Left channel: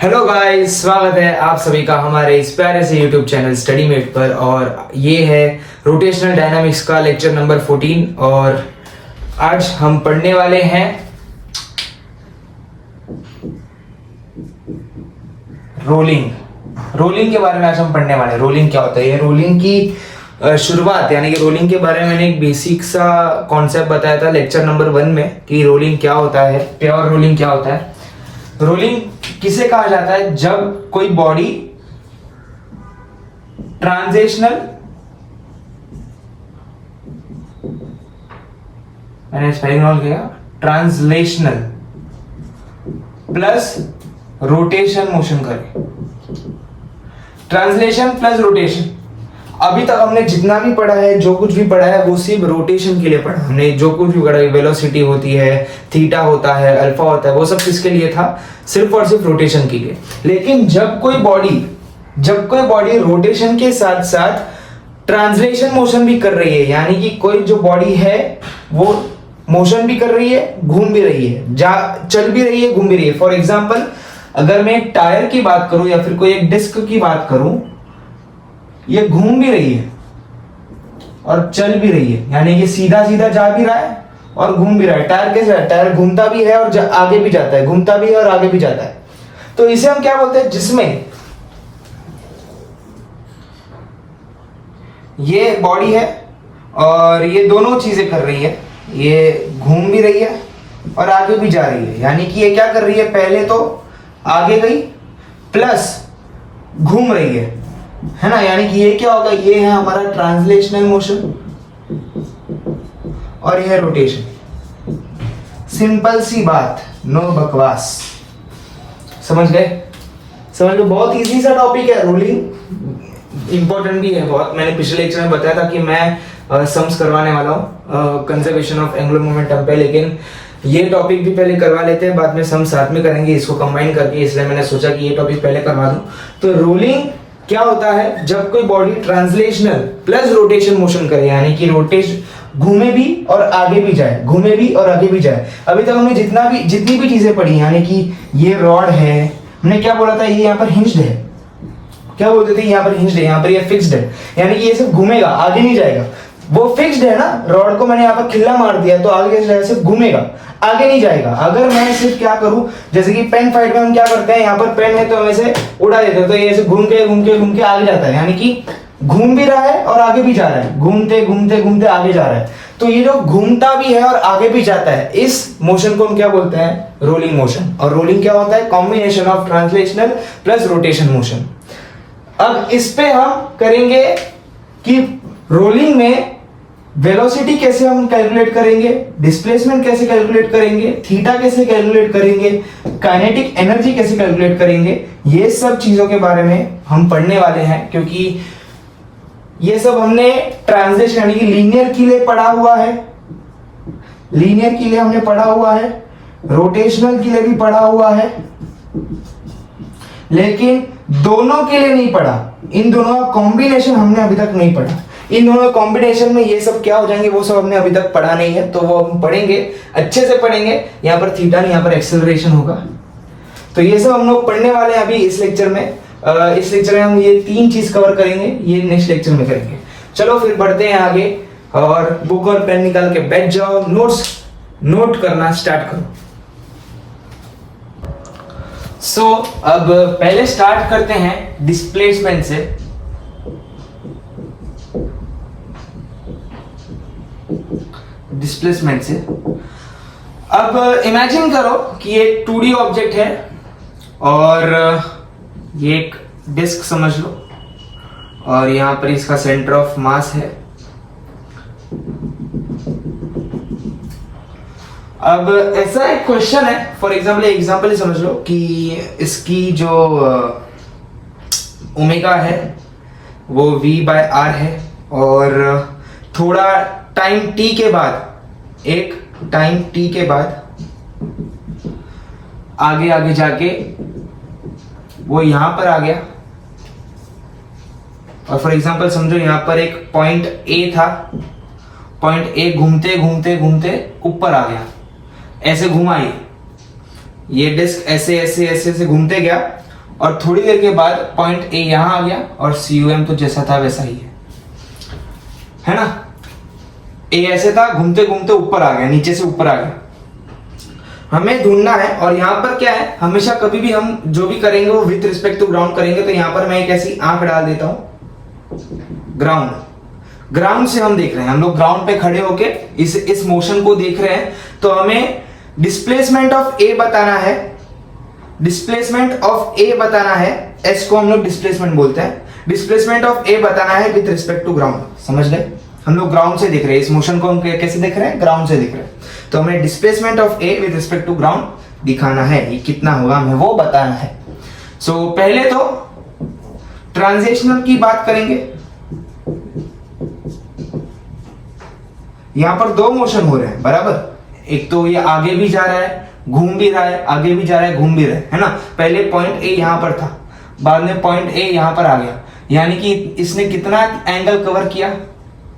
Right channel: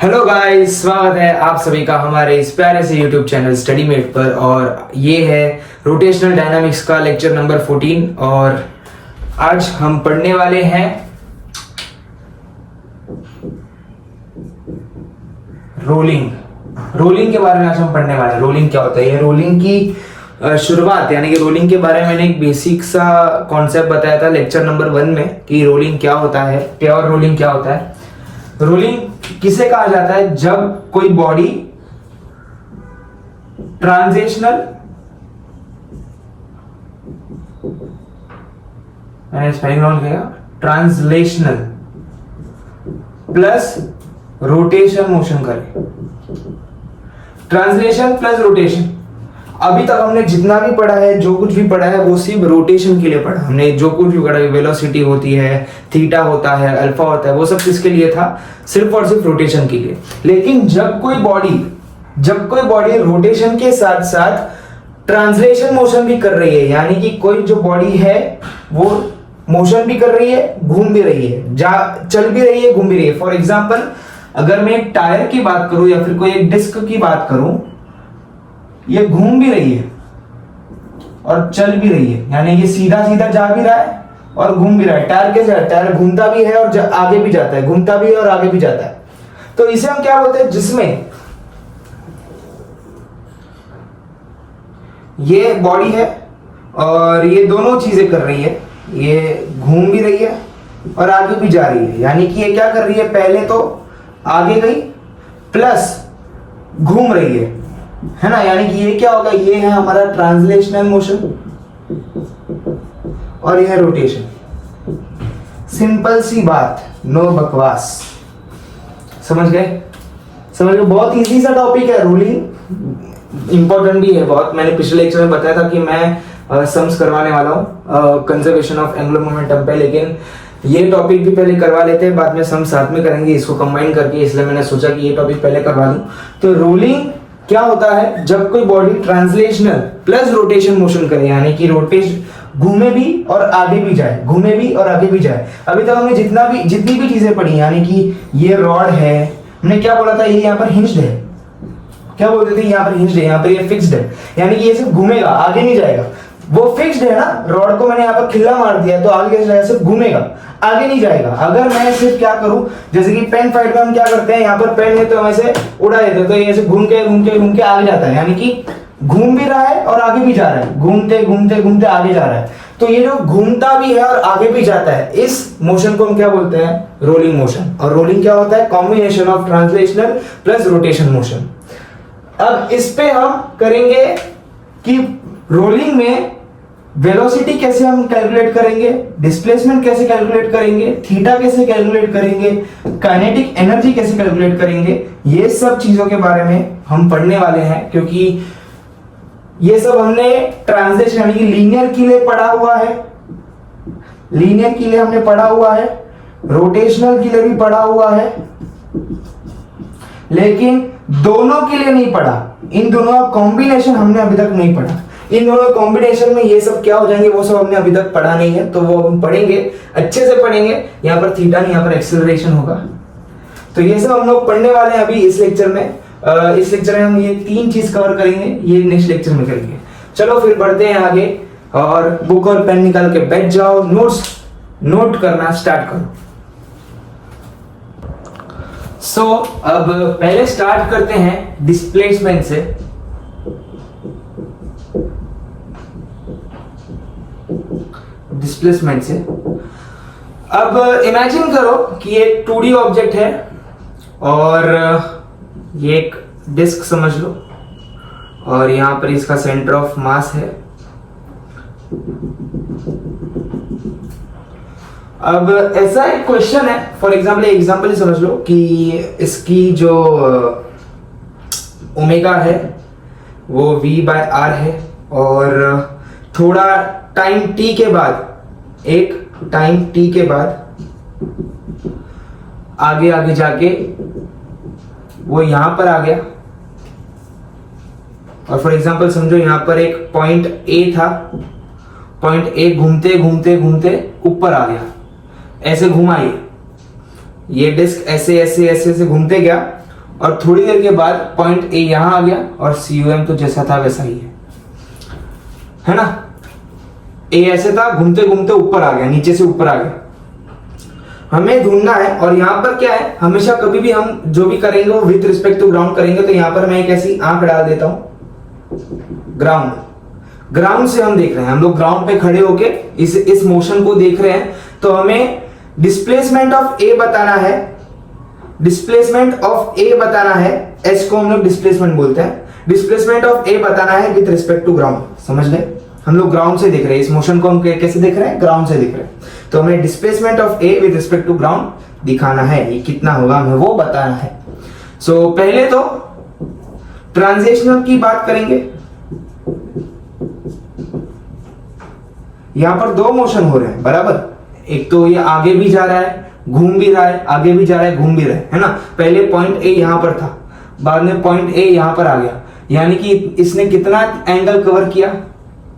Hello guys, स्वागत है आप सभी का हमारे इस प्यारे से यूट्यूब चैनल स्टडी मेट पर। और ये है रोटेशनल डायनामिक्स का लेक्चर नंबर 14 और आज हम पढ़ने वाले हैं रोलिंग के बारे में। आज हम पढ़ने वाले हैं रोलिंग क्या होता है। ये रोलिंग की शुरुआत यानी कि रोलिंग के बारे में मैंने एक बेसिक सा कॉन्सेप्ट बताया था लेक्चर नंबर 1 में कि रोलिंग क्या होता है, प्योर रोलिंग क्या होता है। रोलिंग किसे कहा जाता है? जब कोई बॉडी ट्रांजिशनल, मैंने स्पेलिंग नोट किया, ट्रांसलेशनल प्लस रोटेशन मोशन करे। Translation plus rotation. अभी तक हमने जितना भी पढ़ा है, जो कुछ भी पढ़ा है, वो सिर्फ रोटेशन के लिए पढ़ा। हमने जो कुछ भी पढ़ा है, वेलोसिटी होती है, थीटा होता है, अल्फा होता है, वो सब किसके लिए था? सिर्फ और सिर्फ रोटेशन के लिए। लेकिन जब कोई बॉडी रोटेशन के साथ साथ ट्रांसलेशन मोशन भी कर रही है, यानी कि कोई जो बॉडी है वो मोशन भी कर रही है, घूम भी रही है, चल भी रही है, घूम भी रही है। फॉर एग्जाम्पल, अगर मैं एक टायर की बात करूं या फिर कोई एक डिस्क की बात करूं, ये घूम भी रही है और चल भी रही है, यानी कि सीधा सीधा जा भी रहा है और घूम भी रहा है। टायर कैसे है? टायर घूमता भी है और आगे भी जाता है, घूमता भी है और आगे भी जाता है। तो इसे हम क्या बोलते हैं? जिसमें ये बॉडी है और ये दोनों चीजें कर रही है, ये घूम भी रही है और आगे भी जा रही है। यानी कि ये क्या कर रही है? पहले तो आगे गई प्लस घूम रही है ना। यानी कि ये क्या होगा? ये है हमारा ट्रांसलेशनल मोशन और यह है रोटेशन। सिंपल सी बात, नो बकवास। समझ गए? बहुत इजी सा टॉपिक है रोलिंग। इंपॉर्टेंट भी है बहुत। मैंने पिछले लेक्चर में बताया था कि मैं सम्स करवाने वाला हूँ कंजर्वेशन ऑफ एंगुलर मोमेंटम पे, लेकिन ये टॉपिक भी पहले करवा लेते हैं, बाद में सम साथ में करेंगे इसको कंबाइन करके, इसलिए मैंने सोचा कि ये टॉपिक पहले करवा दूं। तो रोलिंग क्या होता है? जब कोई body translational plus rotation motion करे, यानी कि रोटेशन घूमे भी और आगे भी जाए, घूमे भी और आगे भी जाए। अभी तक हमने जितनी भी चीजें पढ़ी, यानी कि ये रॉड है, हमने क्या बोला था? ये यहाँ पर हिंज्ड है। क्या बोलते थे? यहाँ पर हिंज्ड है, यहाँ पर ये फिक्स्ड है, यानी कि ये सिर्फ घूमेगा, आगे नहीं जाएगा। वो फिक्स्ड है ना, रॉड को मैंने यहाँ पर खिल्ला मार दिया तो आगे कैसे जाएगा? सिर्फ घूमेगा, आगे नहीं जाएगा। अगर मैं सिर्फ क्या करूं, जैसे कि पेन फाइट में हम क्या करते हैं, यहाँ पर पेन है तो हम ऐसे उड़ा देते हैं, तो ये ऐसे घूम के आगे जाता है, यानी कि घूम भी रहा है और आगे भी जा रहा है, घूमते आगे जा रहा है। तो ये जो घूमता भी है और आगे भी जाता है, इस मोशन को हम क्या बोलते हैं? Rolling motion. और रोलिंग क्या होता है? Combination of translational plus rotation motion. अब इस पे हम करेंगे कि रोलिंग में वेलोसिटी कैसे हम कैलकुलेट करेंगे, डिस्प्लेसमेंट कैसे कैलकुलेट करेंगे, थीटा कैसे कैलकुलेट करेंगे, काइनेटिक एनर्जी कैसे कैलकुलेट करेंगे, ये सब चीजों के बारे में हम पढ़ने वाले हैं। क्योंकि ये सब हमने ट्रांसलेशन यानी कि लीनियर के लिए पढ़ा हुआ है, लीनियर के लिए हमने पढ़ा हुआ है, रोटेशनल के लिए भी पढ़ा हुआ है, लेकिन दोनों के लिए नहीं पढ़ा। इन दोनों का कॉम्बिनेशन हमने अभी तक नहीं पढ़ा। इन दोनों कॉम्बिनेशन में ये सब क्या हो जाएंगे, वो सब हमने अभी तक पढ़ा नहीं है, तो वो हम पढ़ेंगे, अच्छे से पढ़ेंगे। यहाँ पर थीटा नहीं, यहाँ पर एक्सेलरेशन होगा। तो ये सब हम लोग पढ़ने वाले हैं अभी इस लेक्चर में। इस लेक्चर में हम ये 3 चीज कवर करेंगे, ये नेक्स्ट लेक्चर में करेंगे। चलो फिर बढ़ते हैं आगे और बुक और पेन निकाल के बैठ जाओ, नोट करना स्टार्ट करो। सो अब पहले स्टार्ट करते हैं डिस्प्लेसमेंट से। अब इमेजिन करो कि ये 2D ऑब्जेक्ट है और ये एक डिस्क समझ लो, और यहां पर इसका सेंटर ऑफ मास है। अब ऐसा एक क्वेश्चन है, फॉर एग्जांपल समझ लो कि इसकी जो ओमेगा है वो V/R है, और थोड़ा टाइम t के बाद आगे जाके वो यहां पर आ गया। और फॉर एग्जांपल समझो यहां पर एक पॉइंट A था, पॉइंट A घूमते ऊपर आ गया, ऐसे घुमाई, ये डिस्क ऐसे घूमते गया और थोड़ी देर के बाद पॉइंट ए यहां आ गया और COM तो जैसा था वैसा ही है ना। ए ऐसे था, घूमते घूमते ऊपर आ गया, नीचे से ऊपर आ गया। हमें ढूंढना है, और यहां पर क्या है, हमेशा कभी भी हम जो भी करेंगे वो विथ रिस्पेक्ट टू ग्राउंड करेंगे। तो यहां पर मैं एक ऐसी आंख डाल देता हूं, ग्राउंड से हम देख रहे हैं, हम लोग ग्राउंड पे खड़े होके इस मोशन को देख रहे हैं। तो हमें डिस्प्लेसमेंट ऑफ ए बताना है, डिस्प्लेसमेंट ऑफ ए बताना है, एस को हम लोग डिस्प्लेसमेंट बोलते हैं। डिस्प्लेसमेंट ऑफ ए बताना है विथ रिस्पेक्ट टू ग्राउंड, समझ गए। हम लोग ग्राउंड से देख रहे हैं, इस मोशन को हम कैसे देख रहे हैं, ग्राउंड से देख रहे हैं। तो हमें displacement of A with respect to ground दिखाना है, ये कितना होगा हमें वो बताना है। सो पहले तो ट्रांजिशनल की बात करेंगे। यहां पर दो मोशन हो रहे हैं बराबर, एक तो ये आगे भी जा रहा है, घूम भी रहा है, आगे भी जा रहा है, घूम भी रहा है ना। पहले पॉइंट ए यहां पर था, बाद में पॉइंट ए यहां पर आ गया, यानी कि इसने कितना एंगल कवर किया,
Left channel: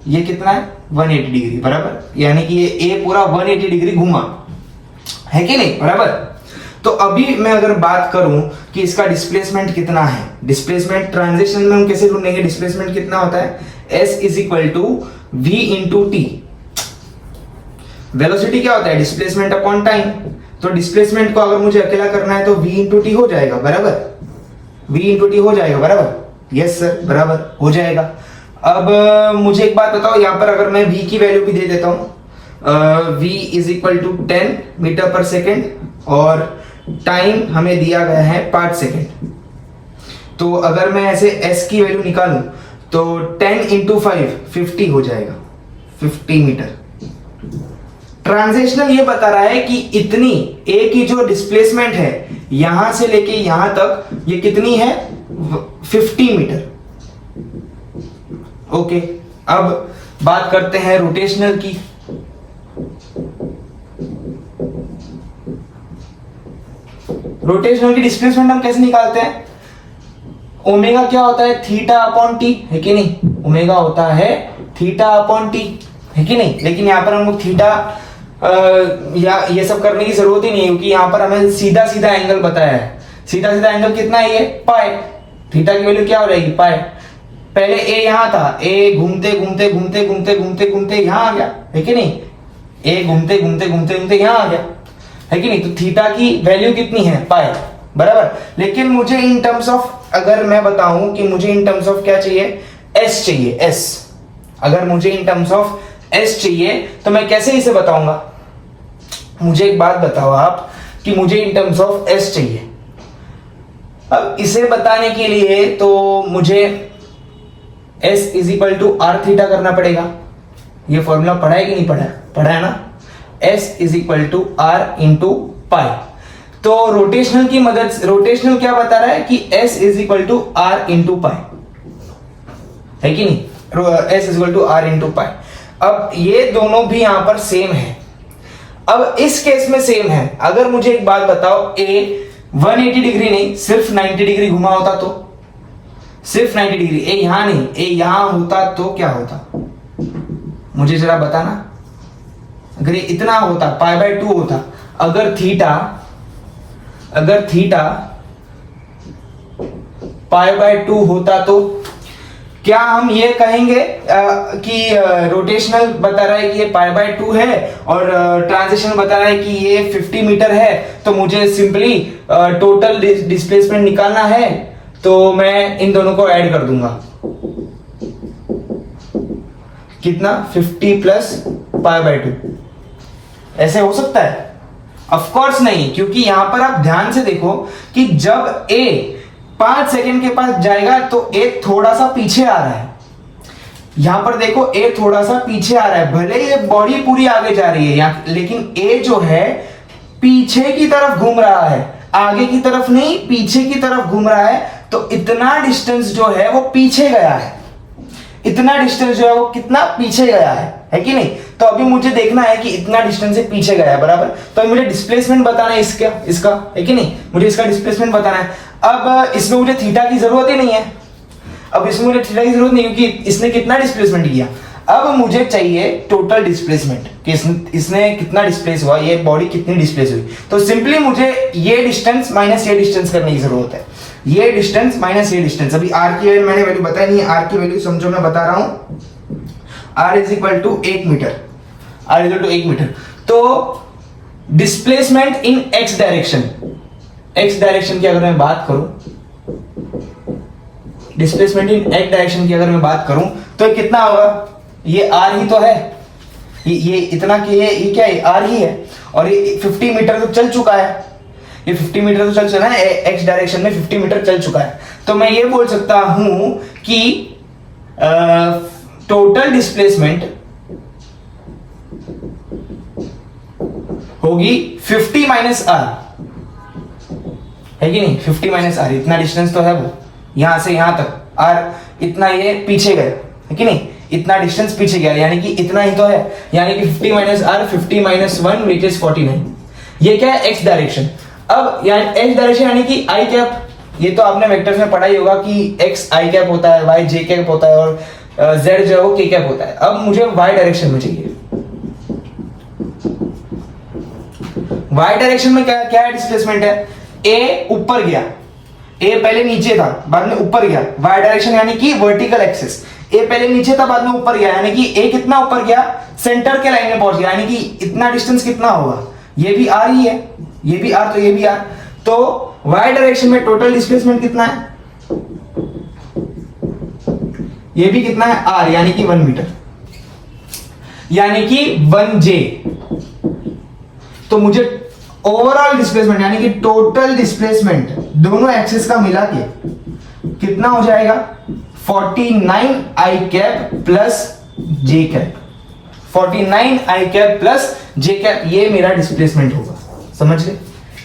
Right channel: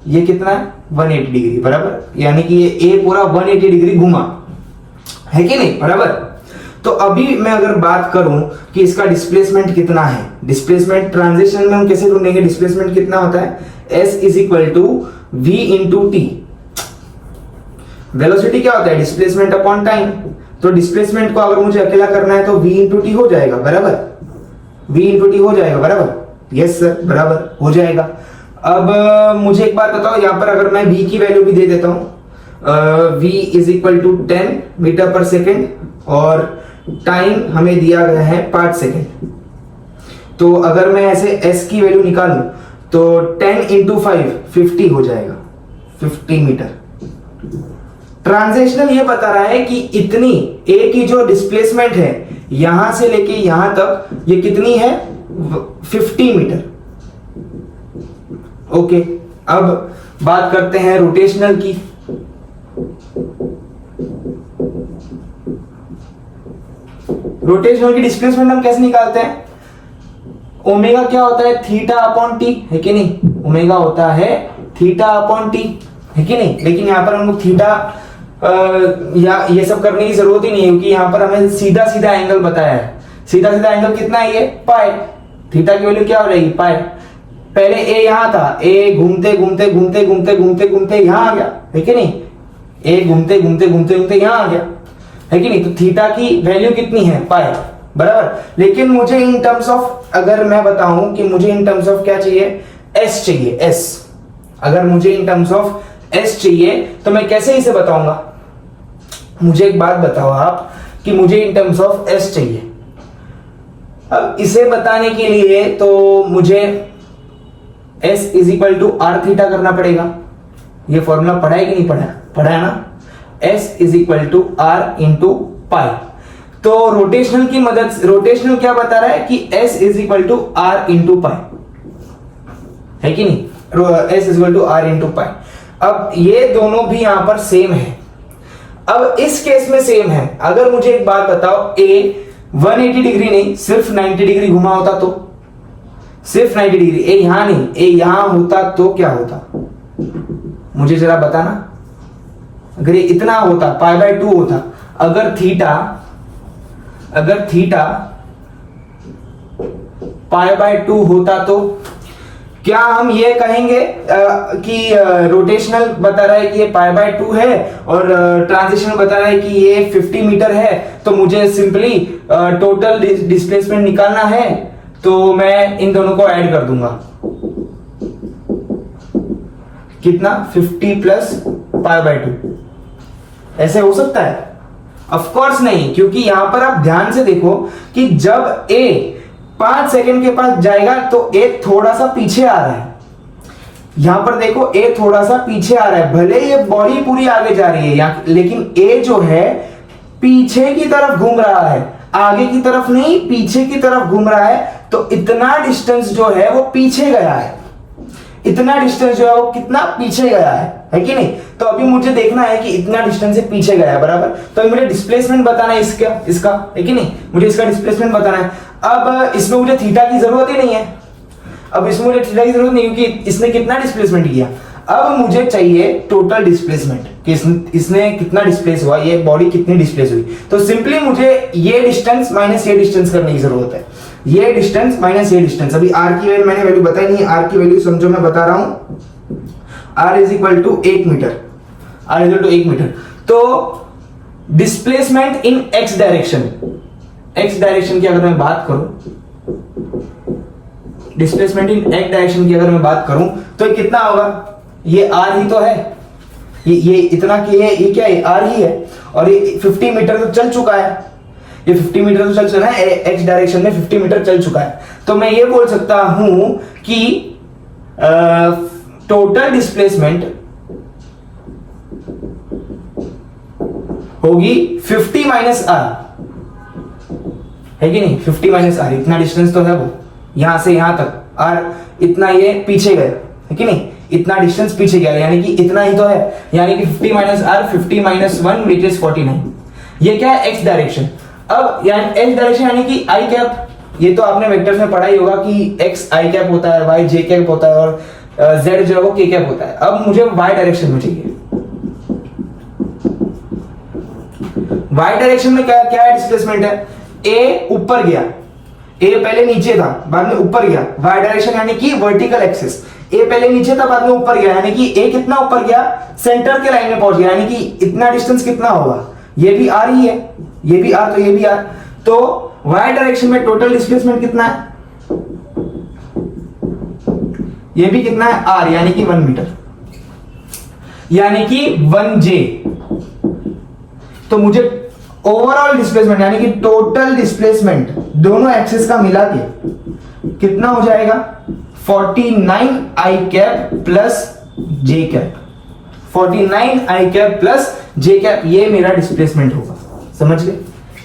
ये कितना है 180 डिग्री बराबर, यानी कि ये ए पूरा 180 डिग्री घुमा है कि नहीं बराबर। तो अभी मैं अगर बात करूं कि इसका डिस्प्लेसमेंट कितना है, डिस्प्लेसमेंट ट्रांजिशन में हम कैसे ढूंढेंगे, डिस्प्लेसमेंट कितना होता है, S is equal to V into T. Velocity क्या होता है, डिस्प्लेसमेंट अपॉन टाइम। तो डिस्प्लेसमेंट को अगर मुझे अकेला करना है तो V इंटू टी हो जाएगा बराबर, V इंटू टी हो जाएगा बराबर, यस सर बराबर हो जाएगा। अब मुझे एक बात बताओ, यहां पर अगर मैं V की वैल्यू भी दे देता हूं, V is equal to 10 metre per second और टाइम हमें दिया गया है 5 सेकेंड। तो अगर मैं ऐसे S की वैल्यू निकालूं तो 10 इंटू 5 50 हो जाएगा, 50 मीटर। ट्रांजिशनल ये बता रहा है कि इतनी A की जो डिस्प्लेसमेंट है यहां से लेके यहां तक ये कितनी है, 50 मीटर। ओके, अब बात करते हैं रोटेशनल की। रोटेशनल की डिस्प्लेसमेंट हम कैसे निकालते हैं, ओमेगा क्या होता है, थीटा अपॉन टी, है कि नहीं, ओमेगा होता है थीटा अपॉन टी, है कि नहीं। लेकिन यहां पर हम लोग थीटा या ये सब करने की जरूरत ही नहीं है, क्योंकि यहां पर हमें सीधा सीधा एंगल बताया है। सीधा सीधा एंगल कितना है, ये पाई, थीटा की वैल्यू क्या हो रहेगी, पाई। पहले ए यहां था, ए घूमते घूमते घूमते घूमते घूमते घूमते यहां आ गया, है कि नहीं, ए घूमते घूमते घूमते घूमते यहां आ गया, है कि नहीं। तो थीटा की वैल्यू कितनी है, पाई बराबर। लेकिन मुझे इन टर्म्स ऑफ, अगर मैं बताऊं कि मुझे इन टर्म्स ऑफ क्या चाहिए, एस चाहिए, एस। अगर मुझे इन टर्म्स ऑफ एस चाहिए तो मैं कैसे इसे बताऊंगा, मुझे एक बात बताओ आप कि मुझे इन टर्म्स ऑफ एस चाहिए। अब इसे बताने के लिए तो मुझे S is equal to R theta करना पड़ेगा। ये फॉर्मूला पढ़ा है कि नहीं पढ़ा, पढ़ा है ना, S is equal to R into pi. तो रोटेशनल की मदद से, रोटेशनल क्या बता रहा है कि S is equal to R into pi, है कि नहीं, S is equal to R into pi. अब ये दोनों भी यहां पर सेम है। अब इस केस में सेम है, अगर मुझे एक बात बताओ, ए 180 डिग्री नहीं सिर्फ 90 डिग्री घुमा होता तो, सिर्फ 90 डिग्री, ए यहां नहीं, ए यहां होता तो क्या होता, मुझे जरा बताना। अगर ये इतना होता, पाई बाय 2 होता, अगर थीटा पाई बाय 2 होता तो क्या हम ये कहेंगे कि रोटेशनल बता रहा है कि ये पाई बाय 2 है और ट्रांजिशन बता रहा है कि ये 50 मीटर है, तो मुझे सिंपली टोटल डिस्प्लेसमेंट निकालना है, तो मैं इन दोनों को ऐड कर दूंगा, कितना 50 प्लस पाई बाय 2। ऐसे हो सकता है, ऑफ कोर्स नहीं, क्योंकि यहां पर आप ध्यान से देखो कि जब ए 5 सेकेंड के पास जाएगा तो ए थोड़ा सा पीछे आ रहा है। यहां पर देखो ए थोड़ा सा पीछे आ रहा है, भले ये बॉडी पूरी आगे जा रही है, लेकिन ए जो है पीछे की तरफ घूम रहा है, आगे की तरफ नहीं, पीछे की तरफ घूम रहा है। तो इतना डिस्टेंस जो है वो पीछे गया है, इतना डिस्टेंस जो है वो कितना पीछे गया है कि नहीं। तो अभी मुझे देखना है कि इतना डिस्टेंस से पीछे गया है बराबर, तो मुझे डिस्प्लेसमेंट बताना है इसका है कि नहीं, मुझे इसका डिस्प्लेसमेंट बताना है। अब इसमें मुझे थीटा की जरूरत ही नहीं है, अब इसमें मुझे थीटा की जरूरत नहीं, क्योंकि इसने कितना डिस्प्लेसमेंट किया। अब मुझे चाहिए टोटल डिस्प्लेसमेंट। कि इसने कितना डिस्प्लेस हुआ, ये बॉडी कितनी डिस्प्लेस हुई। तो सिंपली मुझे ये डिस्टेंस माइनस ये डिस्टेंस करने की जरूरत है, ये डिस्टेंस माइनस ये डिस्टेंस। अभी आर की मैंने वैल्यू बताई नहीं है, आर की वैल्यू समझो मैं बता रहा हूं, R is equal to 1 metre, R is equal to 1 metre. तो displacement in X direction, X direction की अगर मैं बात करूं, डिस्प्लेसमेंट इन एक्स डायरेक्शन की अगर मैं बात करूं तो कितना होगा, ये आर ही तो है, ये इतना की है, ये क्या है, आर ही है। और ये 50 मीटर तो चल चुका है, ये 50 मीटर तो चल चुका है, एक्स डायरेक्शन में 50 मीटर चल चुका है। तो मैं ये बोल सकता हूं कि टोटल डिस्प्लेसमेंट होगी 50 माइनस आर, है कि नहीं, 50 माइनस आर, इतना डिस्टेंस तो है वो, यहां से यहां तक आर इतना ये पीछे गए, है कि नहीं, इतना डिस्टेंस पीछे गया, यानी कि इतना ही तो है, यानी कि 50 minus R, 50 minus 1 which is 49। ये क्या है, एक्स डायरेक्शन। अब यानी एक्स डायरेक्शन यानी कि आई कैप, ये तो आपने वेक्टर्स में पढ़ा ही होगा कि एक्स आई कैप होता है, वाई जे कैप होता है और जेड जो है वो के कैप होता है। अब मुझे वाई डायरेक्शन में चाहिए, वाई डायरेक्शन में क्या क्या डिस्प्लेसमेंट है, ए ऊपर गया, ए पहले नीचे था बाद में ऊपर गया, वाई डायरेक्शन यानी कि वर्टिकल एक्सिस, ए पहले नीचे था बाद में ऊपर गया, यानी कि ए कितना ऊपर गया, सेंटर के लाइन में पहुंच गया, यानी कि इतना डिस्टेंस कितना होगा, ये भी आर ही है, ये भी आर, तो ये भी आर। तो वाई डायरेक्शन में टोटल डिस्प्लेसमेंट कितना है, ये भी कितना है, आर, यानी कि 1 मीटर, यानी कि 1 जे। तो मुझे ओवरऑल डिस्प्लेसमेंट यानी कि टोटल डिस्प्लेसमेंट दोनों एक्सिस का मिला के कितना हो जाएगा, 49 आई कैप प्लस जे कैप, 49 आई कैप प्लस जे कैप, ये मेरा डिस्प्लेसमेंट होगा। समझ गए,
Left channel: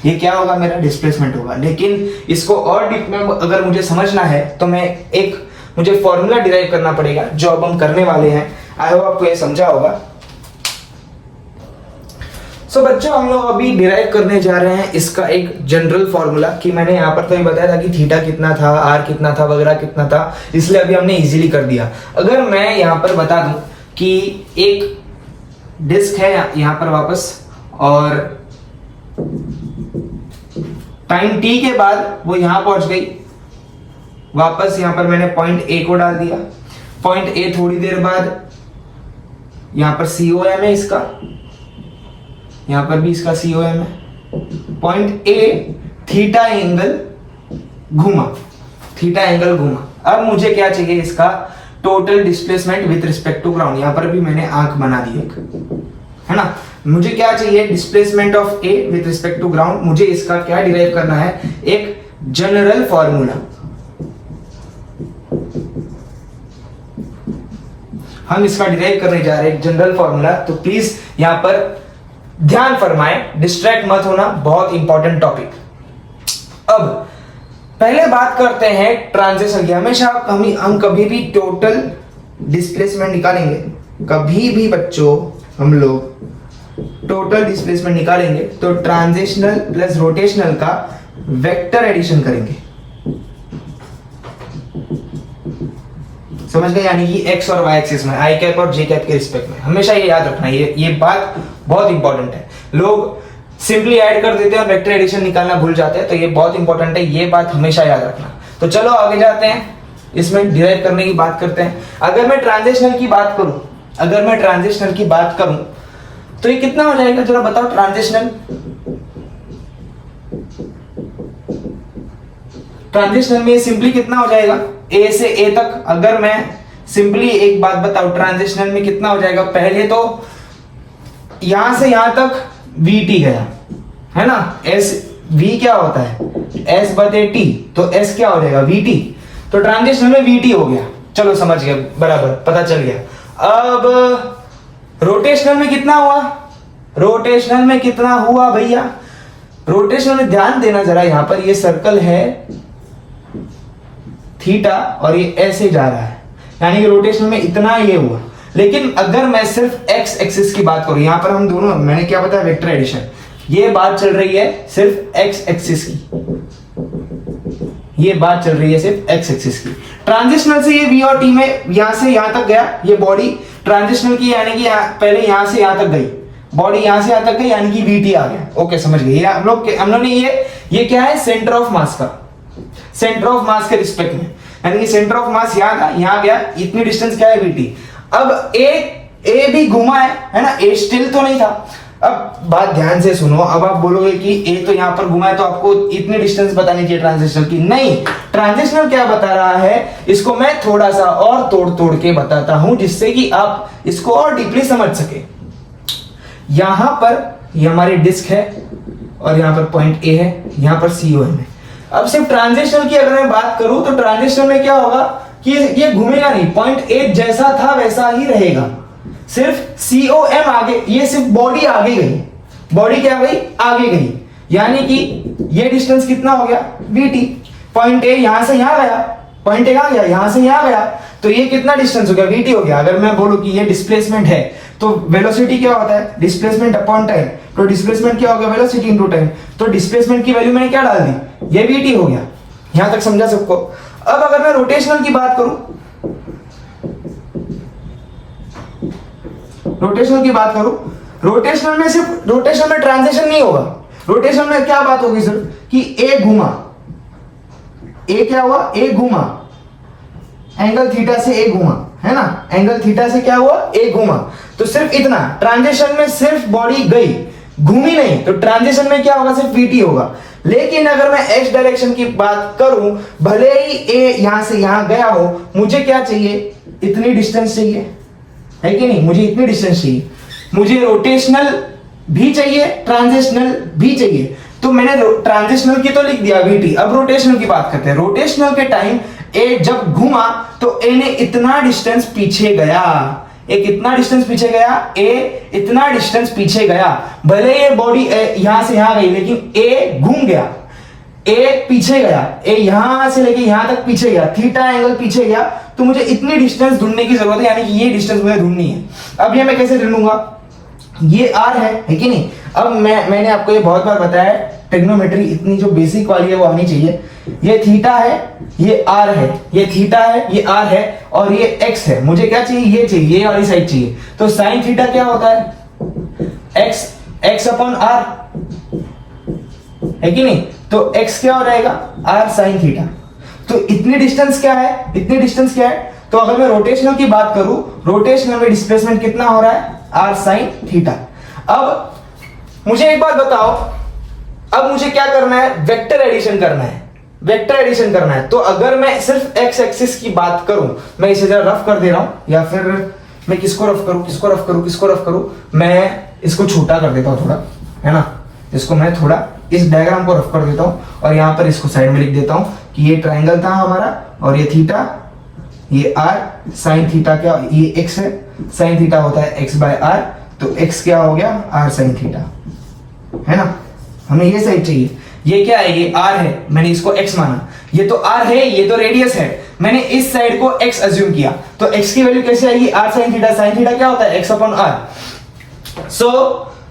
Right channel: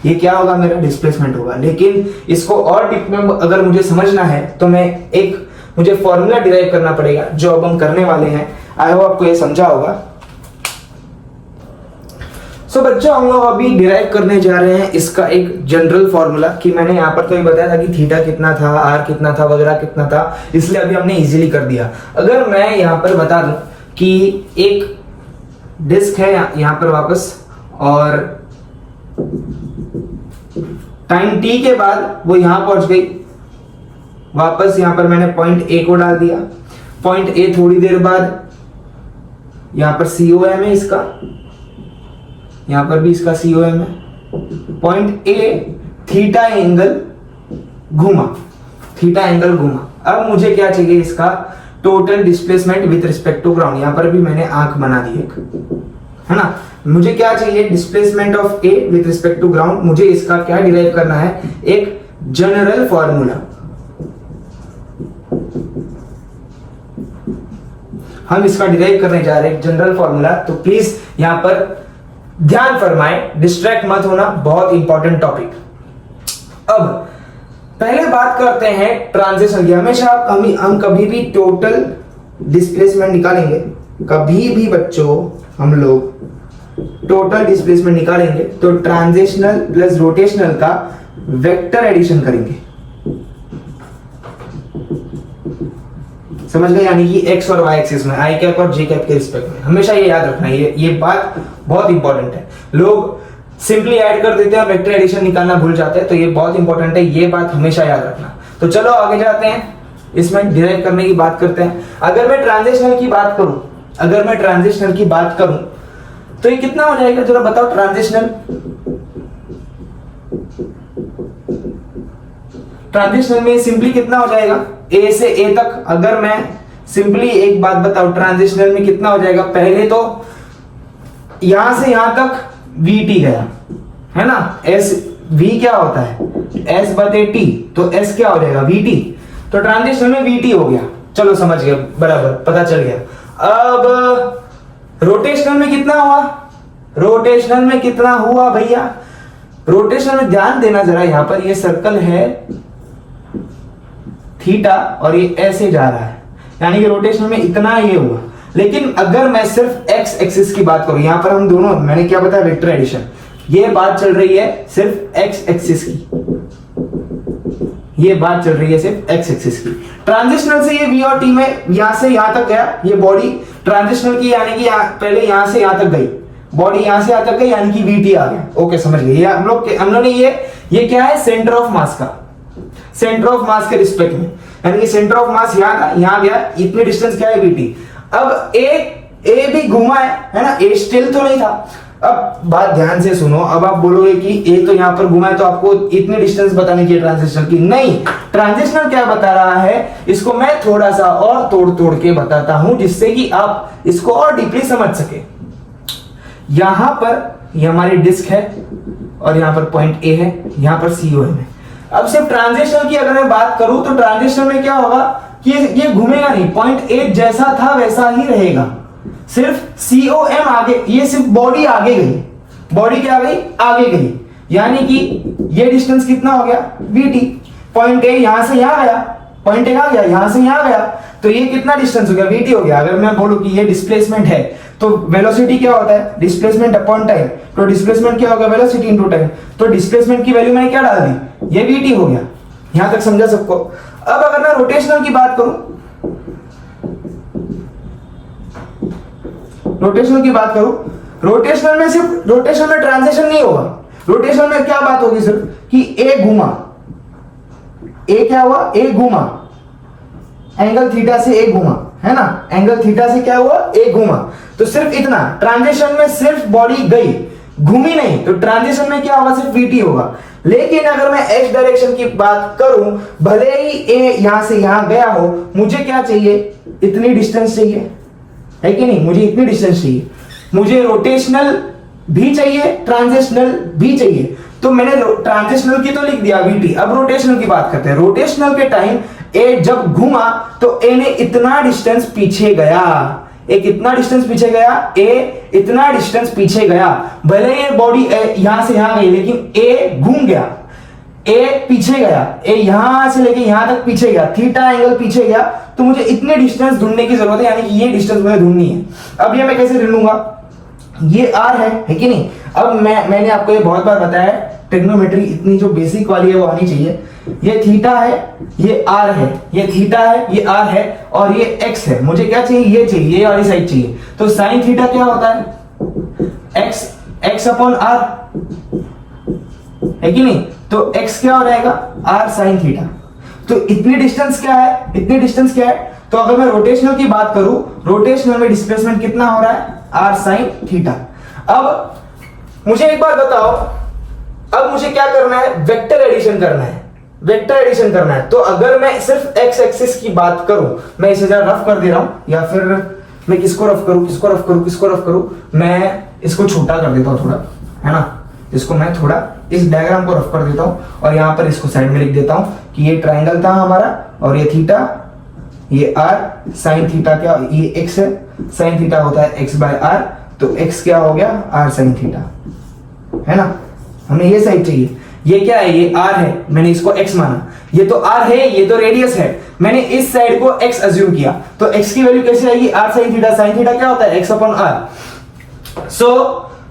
ये क्या होगा, मेरा डिस्प्लेसमेंट होगा। लेकिन इसको और डीप में अगर मुझे समझना है तो मुझे फॉर्मूला डिराइव करना पड़ेगा, जो अब हम करने वाले हैं। आई होप आपको ये समझा होगा। सो बच्चों, हम लोग अभी डिराइव करने जा रहे हैं इसका एक जनरल फॉर्मूला, कि मैंने यहाँ पर तो ये बताया था कि थीटा कितना था, आर कितना था, वगैरह कितना था, इसलिए अभी हमने इजीली कर दिया। अगर मैं यहाँ पर बता दूं कि एक डिस्क है यहाँ पर वापस, और टाइम टी के बाद वो यहां पहुंच गई, वापस यहां पर मैंने पॉइंट ए को डाल दिया, पॉइंट ए थोड़ी देर बाद यहां पर COM है इसका, यहां पर भी इसका COM है, पॉइंट ए थीटा एंगल घूमा, थीटा एंगल घूमा। अब मुझे क्या चाहिए, इसका total displacement with respect to ground. यहां पर भी मैंने आंख बना दी एक, है ना। मुझे क्या चाहिए, displacement of A with respect to ground. मुझे इसका क्या डिराइव करना है, एक जनरल फॉर्मूला। हम इसका डिराइव करने जा रहे हैं जनरल फॉर्मूला। तो प्लीज यहां पर ध्यान फरमाएं, डिस्ट्रैक्ट मत होना, बहुत इंपॉर्टेंट टॉपिक। अब पहले बात करते हैं ट्रांजिशन की। हमेशा हम कभी भी टोटल डिस्प्लेसमेंट निकालेंगे, कभी भी बच्चों हम लोग टोटल डिस्प्लेसमेंट निकालेंगे तो ट्रांजिशनल प्लस रोटेशनल का वेक्टर एडिशन करेंगे। समझ गए, यानी कि एक्स और वाई एक्सिस में, आई कैप और जे कैप के रिस्पेक्ट में। हमेशा ये याद रखना, ये बात बहुत इंपॉर्टेंट है। लोग सिंपली ऐड कर देते हैं और वेक्टर एडिशन निकालना भूल जाते हैं, तो ये बहुत इंपॉर्टेंट है, ये बात हमेशा याद रखना। तो चलो आगे जाते हैं, इसमें डिराइव करने की बात करते हैं। अगर मैं ट्रांजिशनल की बात करूं, तो ये कितना हो जाएगा, जरा बताओ। ट्रांजिशनल में सिंपली कितना हो जाएगा, ए से ए तक। अगर मैं सिंपली एक बात बताऊं, ट्रांजिशनल में कितना हो जाएगा, पहले तो यहां से यहां तक VT गया, है ना। एस V क्या होता है, S बटे T, तो S क्या हो जाएगा, VT। तो ट्रांजिशनल में VT हो गया, चलो समझ गया, बराबर पता चल गया। अब रोटेशनल में कितना हुआ, रोटेशनल में कितना हुआ भैया, रोटेशनल में ध्यान देना जरा, यहां पर ये सर्कल है थीटा और ये ऐसे जा रहा है, यानी कि रोटेशनल में इतना ये हुआ। लेकिन अगर मैं सिर्फ एक्स एक्सिस की बात करूं, यहां पर हम दोनों, मैंने क्या बताया, वेक्टर एडिशन, ये बात चल रही है सिर्फ एक्स एक्सिस की, ये बात चल रही है सिर्फ एक्स एक्सिस की। ट्रांजिशनल से ये V और T में यहां से यहां तक गया ये बॉडी, ट्रांजिशनल की यानी कि पहले यहां से यहां तक गई, बॉडी यहां से यहां तक गई यानी कि वीटी आ गया। ओके समझ गए। हम लोग ने ये क्या है, सेंटर ऑफ मास का, सेंटर ऑफ मास के रिस्पेक्ट में, यानी कि सेंटर ऑफ मास यहां था, यहां गया, इतनी डिस्टेंस क्या है वीटी। अब ए भी घुमा है ना, ए स्टिल तो नहीं था। अब बात ध्यान से सुनो, अब आप बोलोगे कि ए तो यहां पर घुमा है तो आपको इतनी डिस्टेंस बतानी चाहिए ट्रांजिशनल की। नहीं, ट्रांजिशनल क्या बता रहा है, इसको मैं थोड़ा सा और तोड़ तोड़ के बताता हूं जिससे कि आप इसको और डीपली समझ सके। यहां पर ये हमारी डिस्क है और यहां पर पॉइंट ए है, यहां पर COM है। अब सिर्फ ट्रांजिशनल की अगर मैं बात करूं तो ट्रांजिशनल में क्या होगा कि ये घूमेगा नहीं, पॉइंट ए जैसा था वैसा ही रहेगा, सिर्फ COM आगे, ये सिर्फ बॉडी आगे गई, बॉडी क्या गई, आगे गई, यानी कि ये डिस्टेंस कितना हो गया, VT। पॉइंट ए यहां से यहां गया, पॉइंट ए कहां गया, यहां से यहां गया, तो ये कितना डिस्टेंस हो गया, VT हो गया। अगर मैं बोलूं कि ये डिस्प्लेसमेंट है तो वेलोसिटी क्या होता है, डिस्प्लेसमेंट अपॉन टाइम, तो डिस्प्लेसमेंट क्या होगा, वेलोसिटी इनटू टाइम। तो डिस्प्लेसमेंट की वैल्यू मैंने क्या डाल दी, ये VT हो गया। यहां तक समझा सबको। अब अगर मैं रोटेशनल की बात करूं, रोटेशनल की बात करूं, रोटेशनल में सिर्फ, रोटेशनल में ट्रांजिशन नहीं होगा, रोटेशनल में क्या बात होगी सिर्फ कि ए घुमा, ए क्या हुआ, ए घुमा, एंगल थीटा से ए घुमा, है ना, एंगल थीटा से क्या हुआ, ए घुमा, तो सिर्फ इतना। ट्रांजिशन में सिर्फ बॉडी गई, घूमी नहीं, तो ट्रांजिशन में क्या होगा, सिर्फ VT होगा। लेकिन अगर मैं x डायरेक्शन की बात करूं, भले ही ए यहां से यहां गया हो, मुझे क्या चाहिए, इतनी डिस्टेंस चाहिए, है कि नहीं, मुझे इतनी डिस्टेंस चाहिए, मुझे रोटेशनल भी चाहिए, ट्रांजिशनल भी चाहिए। तो मैंने ट्रांजिशनल की तो लिख दिया VT। अब रोटेशनल की बात करते हैं। रोटेशनल के टाइम ए जब घुमा तो ए ने इतना डिस्टेंस पीछे गया, ए कितना डिस्टेंस पीछे गया, ए इतना डिस्टेंस पीछे गया। भले ये बॉडी यहां से यहां गई लेकिन ए घूम गया, ए पीछे गया, ए यहां से लेके यहां तक पीछे गया, थीटा एंगल पीछे गया, तो मुझे इतनी डिस्टेंस ढूंढने की जरूरत है, यानी कि ये डिस्टेंस मुझे ढूंढनी है। अब ये मैं कैसे ढूंढूंगा, ये R है कि नहीं। अब मैंने आपको ये बहुत बार बताया है, ट्रिग्नोमेट्री इतनी जो बेसिक वाली है वो आनी चाहिए। ये थीटा है, ये R है, ये थीटा है, ये R है और ये X है। मुझे क्या चाहिए, ये चाहिए, ये वाली साइड चाहिए। तो साइन थीटा क्या होता है, x अपॉन R, है कि नहीं। तो x क्या हो जाएगा, R साइन थीटा। तो इतनी डिस्टेंस क्या है, इतनी डिस्टेंस क्या है। तो अगर मैं रोटेशनल की बात करूं, रोटेशनल में डिस्प्लेसमेंट कितना हो रहा है, R साइन थीटा। अब मुझे एक बात बताओ, अब मुझे क्या करना है, वेक्टर एडिशन करना है, वेक्टर एडिशन करना है। तो अगर मैं सिर्फ x एक्सिस की बात करूं, मैं इसे जरा रफ कर दे रहा हूं, या फिर मैं किसको रफ करूं, किसको रफ करूं, किसको रफ करूं, मैं इसको छोटा कर देता हूं थोड़ा, है ना, इसको मैं थोड़ा इस डायग्राम को रफ कर देता हूं और यहां पर इसको साइड में लिख देता हूं कि ये ट्राइंगल था हमारा और ये थीटा, ये R साइन थीटा, क्या ये x है, साइन थीटा होता है x बाय R, तो x क्या हो गया, R साइन थीटा, है ना। हमें ये साइड चाहिए, ये क्या है, ये R है, मैंने इसको x माना, ये तो R है, ये तो रेडियस है, मैंने इस साइड को x अज्यूम किया, तो x की वैल्यू कैसे आएगी, R sine theta. Sine theta क्या होता है, x अपॉन R। सो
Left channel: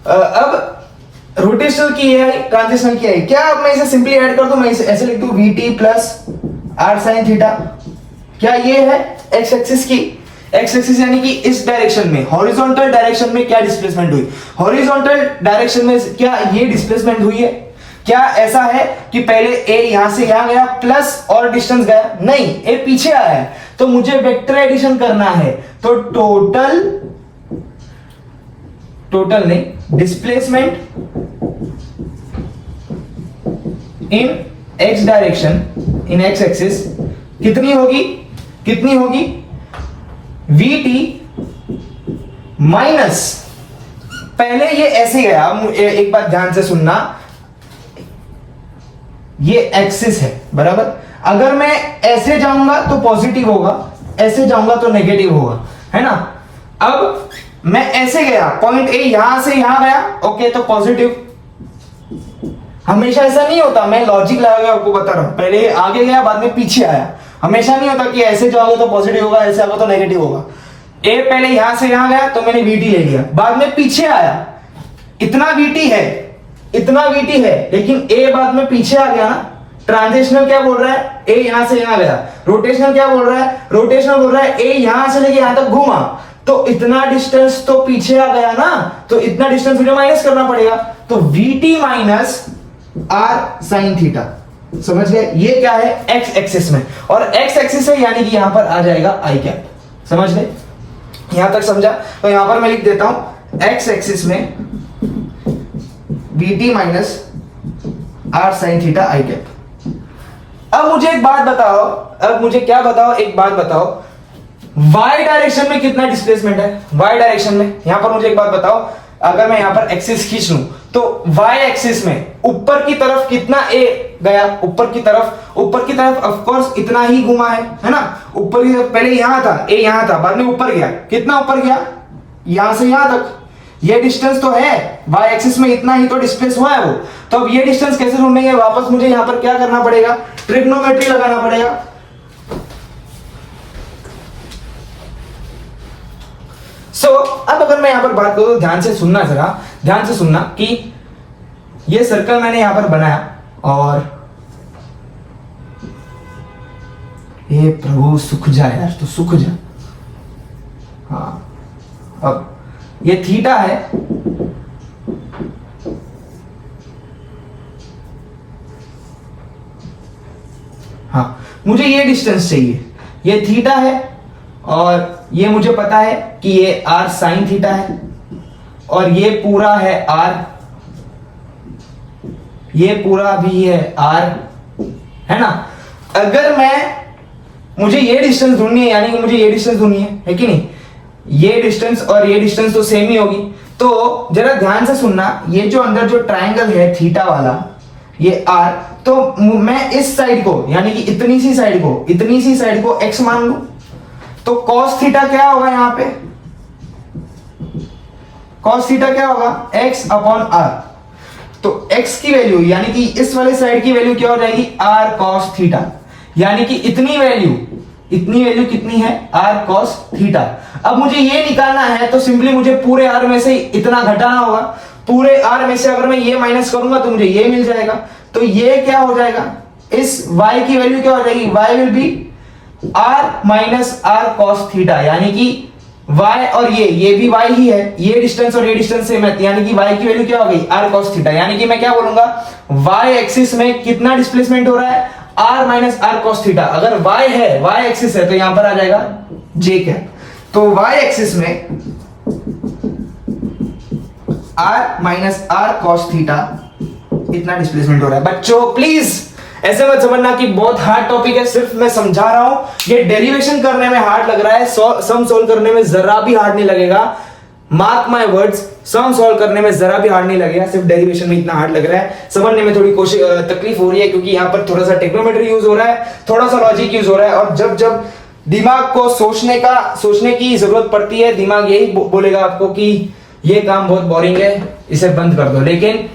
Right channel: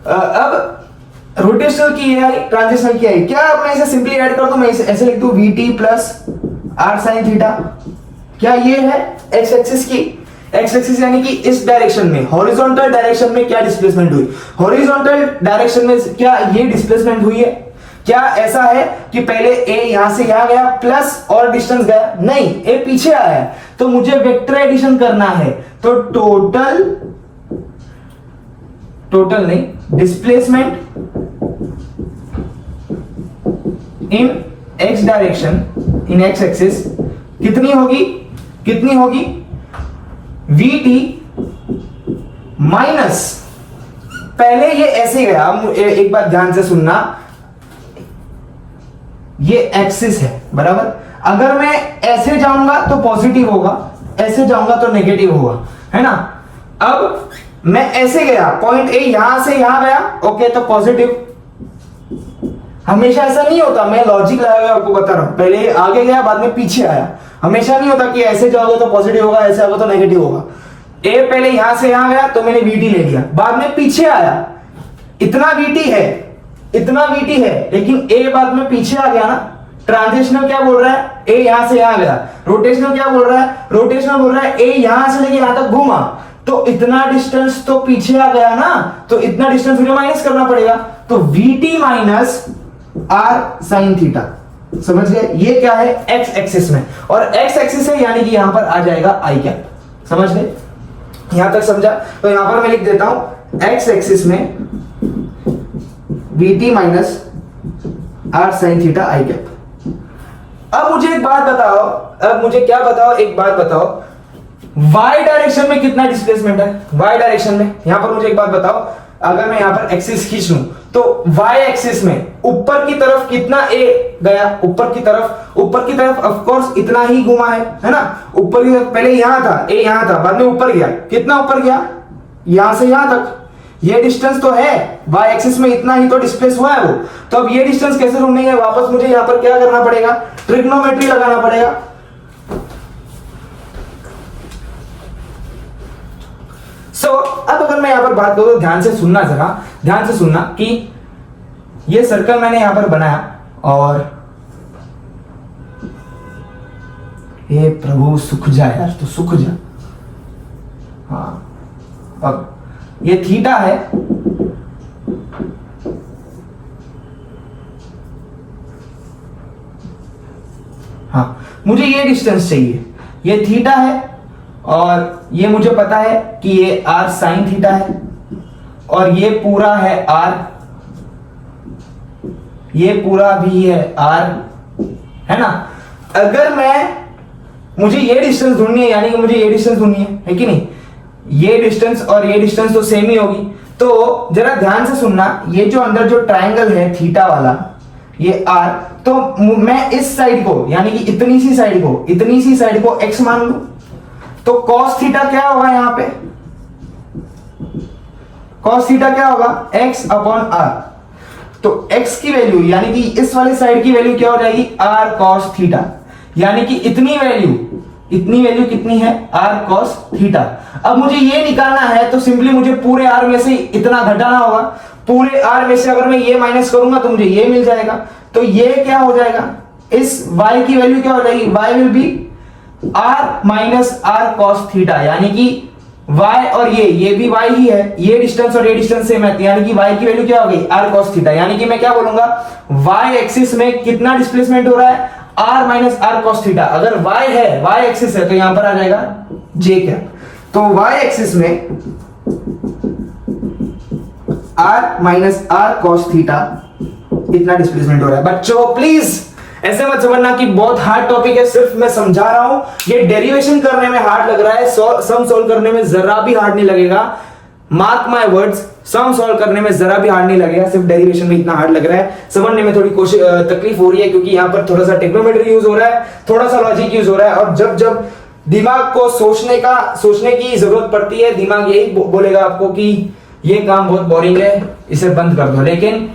अब रोटेशनल की है, ट्रांजिशनल की है, क्या अब मैं इसे सिंपली ऐड कर दूं, मैं इसे ऐसे लिख दूं VT plus R sine theta. क्या ये है x एक्सिस की, x एक्सिस यानी कि इस डायरेक्शन में, हॉरिजॉन्टल डायरेक्शन में क्या डिस्प्लेसमेंट हुई, हॉरिजॉन्टल डायरेक्शन में क्या ये डिस्प्लेसमेंट हुई है। क्या ऐसा है कि पहले a यहां से यहां गया प्लस और डिस्टेंस गया, नहीं, a पीछे आया है, तो मुझे वेक्टर एडिशन करना है। तो टोटल नहीं, displacement in x direction, in x axis कितनी होगी, कितनी होगी, VT माइनस, पहले ये ऐसे गया, एक बात ध्यान से सुनना, ये एक्सिस है बराबर, अगर मैं ऐसे जाऊंगा तो पॉजिटिव होगा, ऐसे जाऊंगा तो नेगेटिव होगा, है ना। अब मैं ऐसे गया, पॉइंट ए यहां से यहां गया, ओके, तो पॉजिटिव। हमेशा ऐसा नहीं होता, मैं लॉजिक लगा के आपको बता रहा हूं, पहले आगे गया बाद में पीछे आया, हमेशा नहीं होता कि ऐसे जाओगे तो पॉजिटिव होगा, ऐसे आओगे तो नेगेटिव होगा। ए पहले यहां से यहां गया तो मैंने VT ले लिया, बाद में पीछे आया, इतना VT है, इतना VT है, लेकिन ए बाद में पीछे आ गया ना। ट्रांजिशनल क्या बोल रहा है, ए यहां से यहां गया। रोटेशनल क्या बोल रहा है, रोटेशनल बोल रहा है ए यहां से लेके यहां तक घूमा, तो इतना डिस्टेंस तो पीछे आ गया ना, तो इतना डिस्टेंस मुझे माइनस करना पड़ेगा, तो VT minus R sine theta. समझ गए? ये क्या है? एक्स एक्सिस में, और एक्स एक्सिस है यानी कि यहां पर आ जाएगा आई कैप। समझ गए? यहां तक समझा? तो यहां पर मैं लिख देता हूं एक्स एक्सिस में VT minus R sine theta I cap. अब मुझे एक बात बताओ, अब मुझे क्या बताओ, एक बात बताओ, y डायरेक्शन में कितना डिस्प्लेसमेंट है? y डायरेक्शन में यहां पर मुझे एक बात बताओ, अगर मैं यहां पर एक्सिस खींच लूं तो y एक्सिस में ऊपर की तरफ कितना a गया? ऊपर की तरफ ऑफ कोर्स इतना ही घुमा है ना? ऊपर की तरफ पहले यहां था, a यहां था, बाद में ऊपर गया। कितना ऊपर गया? यहां से यहां तक। ये डिस्टेंस तो है, y एक्सिस में इतना ही तो डिस्प्लेस हुआ है वो। तो अब ये डिस्टेंस कैसे ढूंढेंगे? वापस मुझे यहां पर क्या करना पड़ेगा? ट्रिग्नोमेट्री लगाना पड़ेगा। अब अगर मैं यहां पर बात करूं, ध्यान से सुनना, जरा ध्यान से सुनना कि ये सर्कल मैंने यहां पर बनाया, और ये प्रभु सुख जा यार, तो सुख जा। हाँ, अब ये थीटा है, हाँ मुझे ये डिस्टेंस चाहिए, ये थीटा है, और ये मुझे पता है कि ये r साइन थीटा है, और ये पूरा है r, ये पूरा भी है r, है ना? अगर मुझे ये डिस्टेंस ढूंढनी है, यानी कि मुझे ये डिस्टेंस ढूंढनी है कि नहीं? ये डिस्टेंस और ये डिस्टेंस तो सेम ही होगी। तो जरा ध्यान से सुनना, ये जो अंदर जो ट्रायंगल है थीटा वाला, ये r, तो मैं इस साइड को, यानी कि इतनी सी साइड को x मान लूं, तो cos थीटा क्या होगा? यहां पे cos थीटा क्या होगा? x upon r। तो x की वैल्यू, यानी कि इस वाली साइड की वैल्यू क्या हो जाएगी? r cos थीटा, यानी कि इतनी वैल्यू कितनी है? r cos theta. अब मुझे ये निकालना है, तो सिंपली मुझे पूरे r में से इतना घटाना होगा। पूरे r में से अगर मैं ये माइनस करूंगा तो मुझे ये मिल जाएगा। तो ये क्या हो जाएगा? इस y की वैल्यू क्या हो जाएगी? y will be r minus r cos theta, यानी कि y और ये भी y ही है, ये डिस्टेंस और ये डिस्टेंस सेम है, यानी कि y की वैल्यू क्या हो गई? r cos theta. यानी कि मैं क्या बोलूंगा? y एक्सिस में कितना डिस्प्लेसमेंट हो रहा है? r minus r cos theta. अगर y है, y एक्सिस है, तो यहां पर आ जाएगा j कैप। तो y एक्सिस में r minus r cos theta इतना डिस्प्लेसमेंट हो रहा है। बच्चों प्लीज ऐसे मत समझना कि बहुत हार्ड टॉपिक है, सिर्फ मैं समझा रहा हूं। ये डेरिवेशन करने में हार्ड लग रहा है, सम सॉल्व करने में जरा भी हार्ड नहीं लगेगा। Mark my words, sum solve करने में जरा भी हार्ड नहीं लगेगा, सिर्फ डेरिवेशन में इतना हार्ड लग रहा है। समझने में थोड़ी तकलीफ हो रही है, क्योंकि यहां पर थोड़ा सा टेक्नोमेट्री यूज हो रहा है, थोड़ा सा लॉजिक यूज हो रहा है, और जब दिमाग को सोचने की जरूरत पड़ती है, दिमाग यही बोलेगा आपको कि ये काम बहुत बोरिंग है, इसे बंद कर दो। लेकिन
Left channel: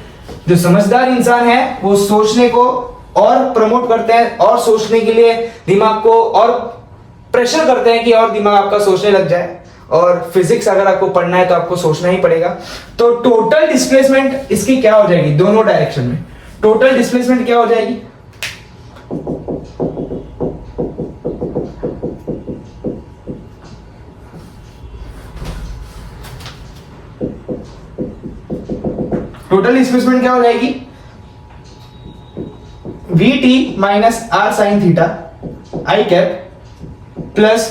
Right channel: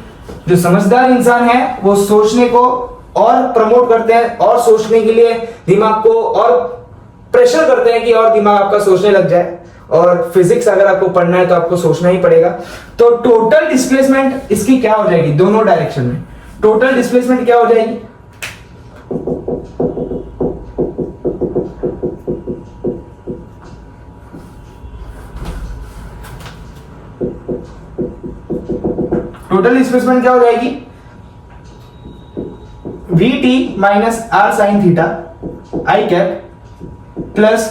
जो समझदार इंसान है वो सोचने को और प्रमोट करते हैं, और सोचने के लिए दिमाग को और प्रेशर करते हैं कि और दिमाग आपका सोचने लग जाए। और फिजिक्स अगर आपको पढ़ना है तो आपको सोचना ही पड़ेगा। तो टोटल डिस्प्लेसमेंट इसकी क्या हो जाएगी? दोनों डायरेक्शन में टोटल डिस्प्लेसमेंट क्या हो जाएगी? टोटल डिस्प्लेसमेंट क्या हो जाएगी? VT minus r sine theta I cap plus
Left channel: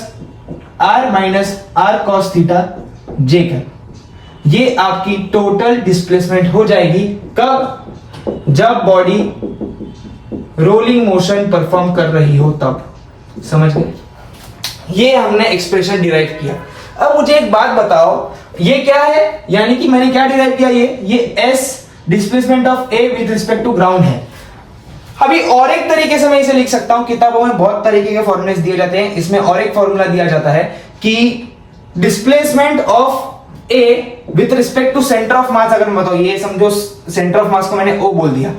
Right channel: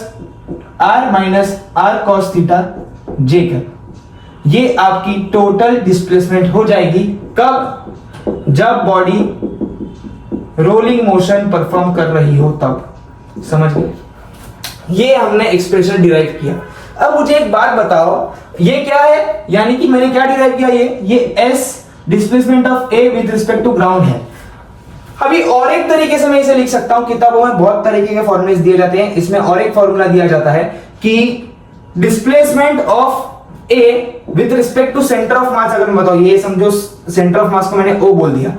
r minus r cos theta j cap. ये आपकी टोटल डिस्प्लेसमेंट हो जाएगी। कब? जब बॉडी रोलिंग मोशन परफॉर्म कर रही हो तब। समझ गए? ये हमने एक्सप्रेशन डिराइव किया। अब मुझे एक बात बताओ, ये क्या है? यानी कि मैंने क्या डिराइव किया? ये s displacement of a with respect to ground है। अभी और एक तरीके से मैं इसे लिख सकता हूं, किताबों में बहुत तरीके के फॉर्मूले दिए जाते हैं, इसमें और एक फॉर्मूला दिया जाता है कि displacement of a with respect to centre of mass. अगर मैं बताऊं, ये समझो सेंटर ऑफ मास को मैंने o बोल दिया,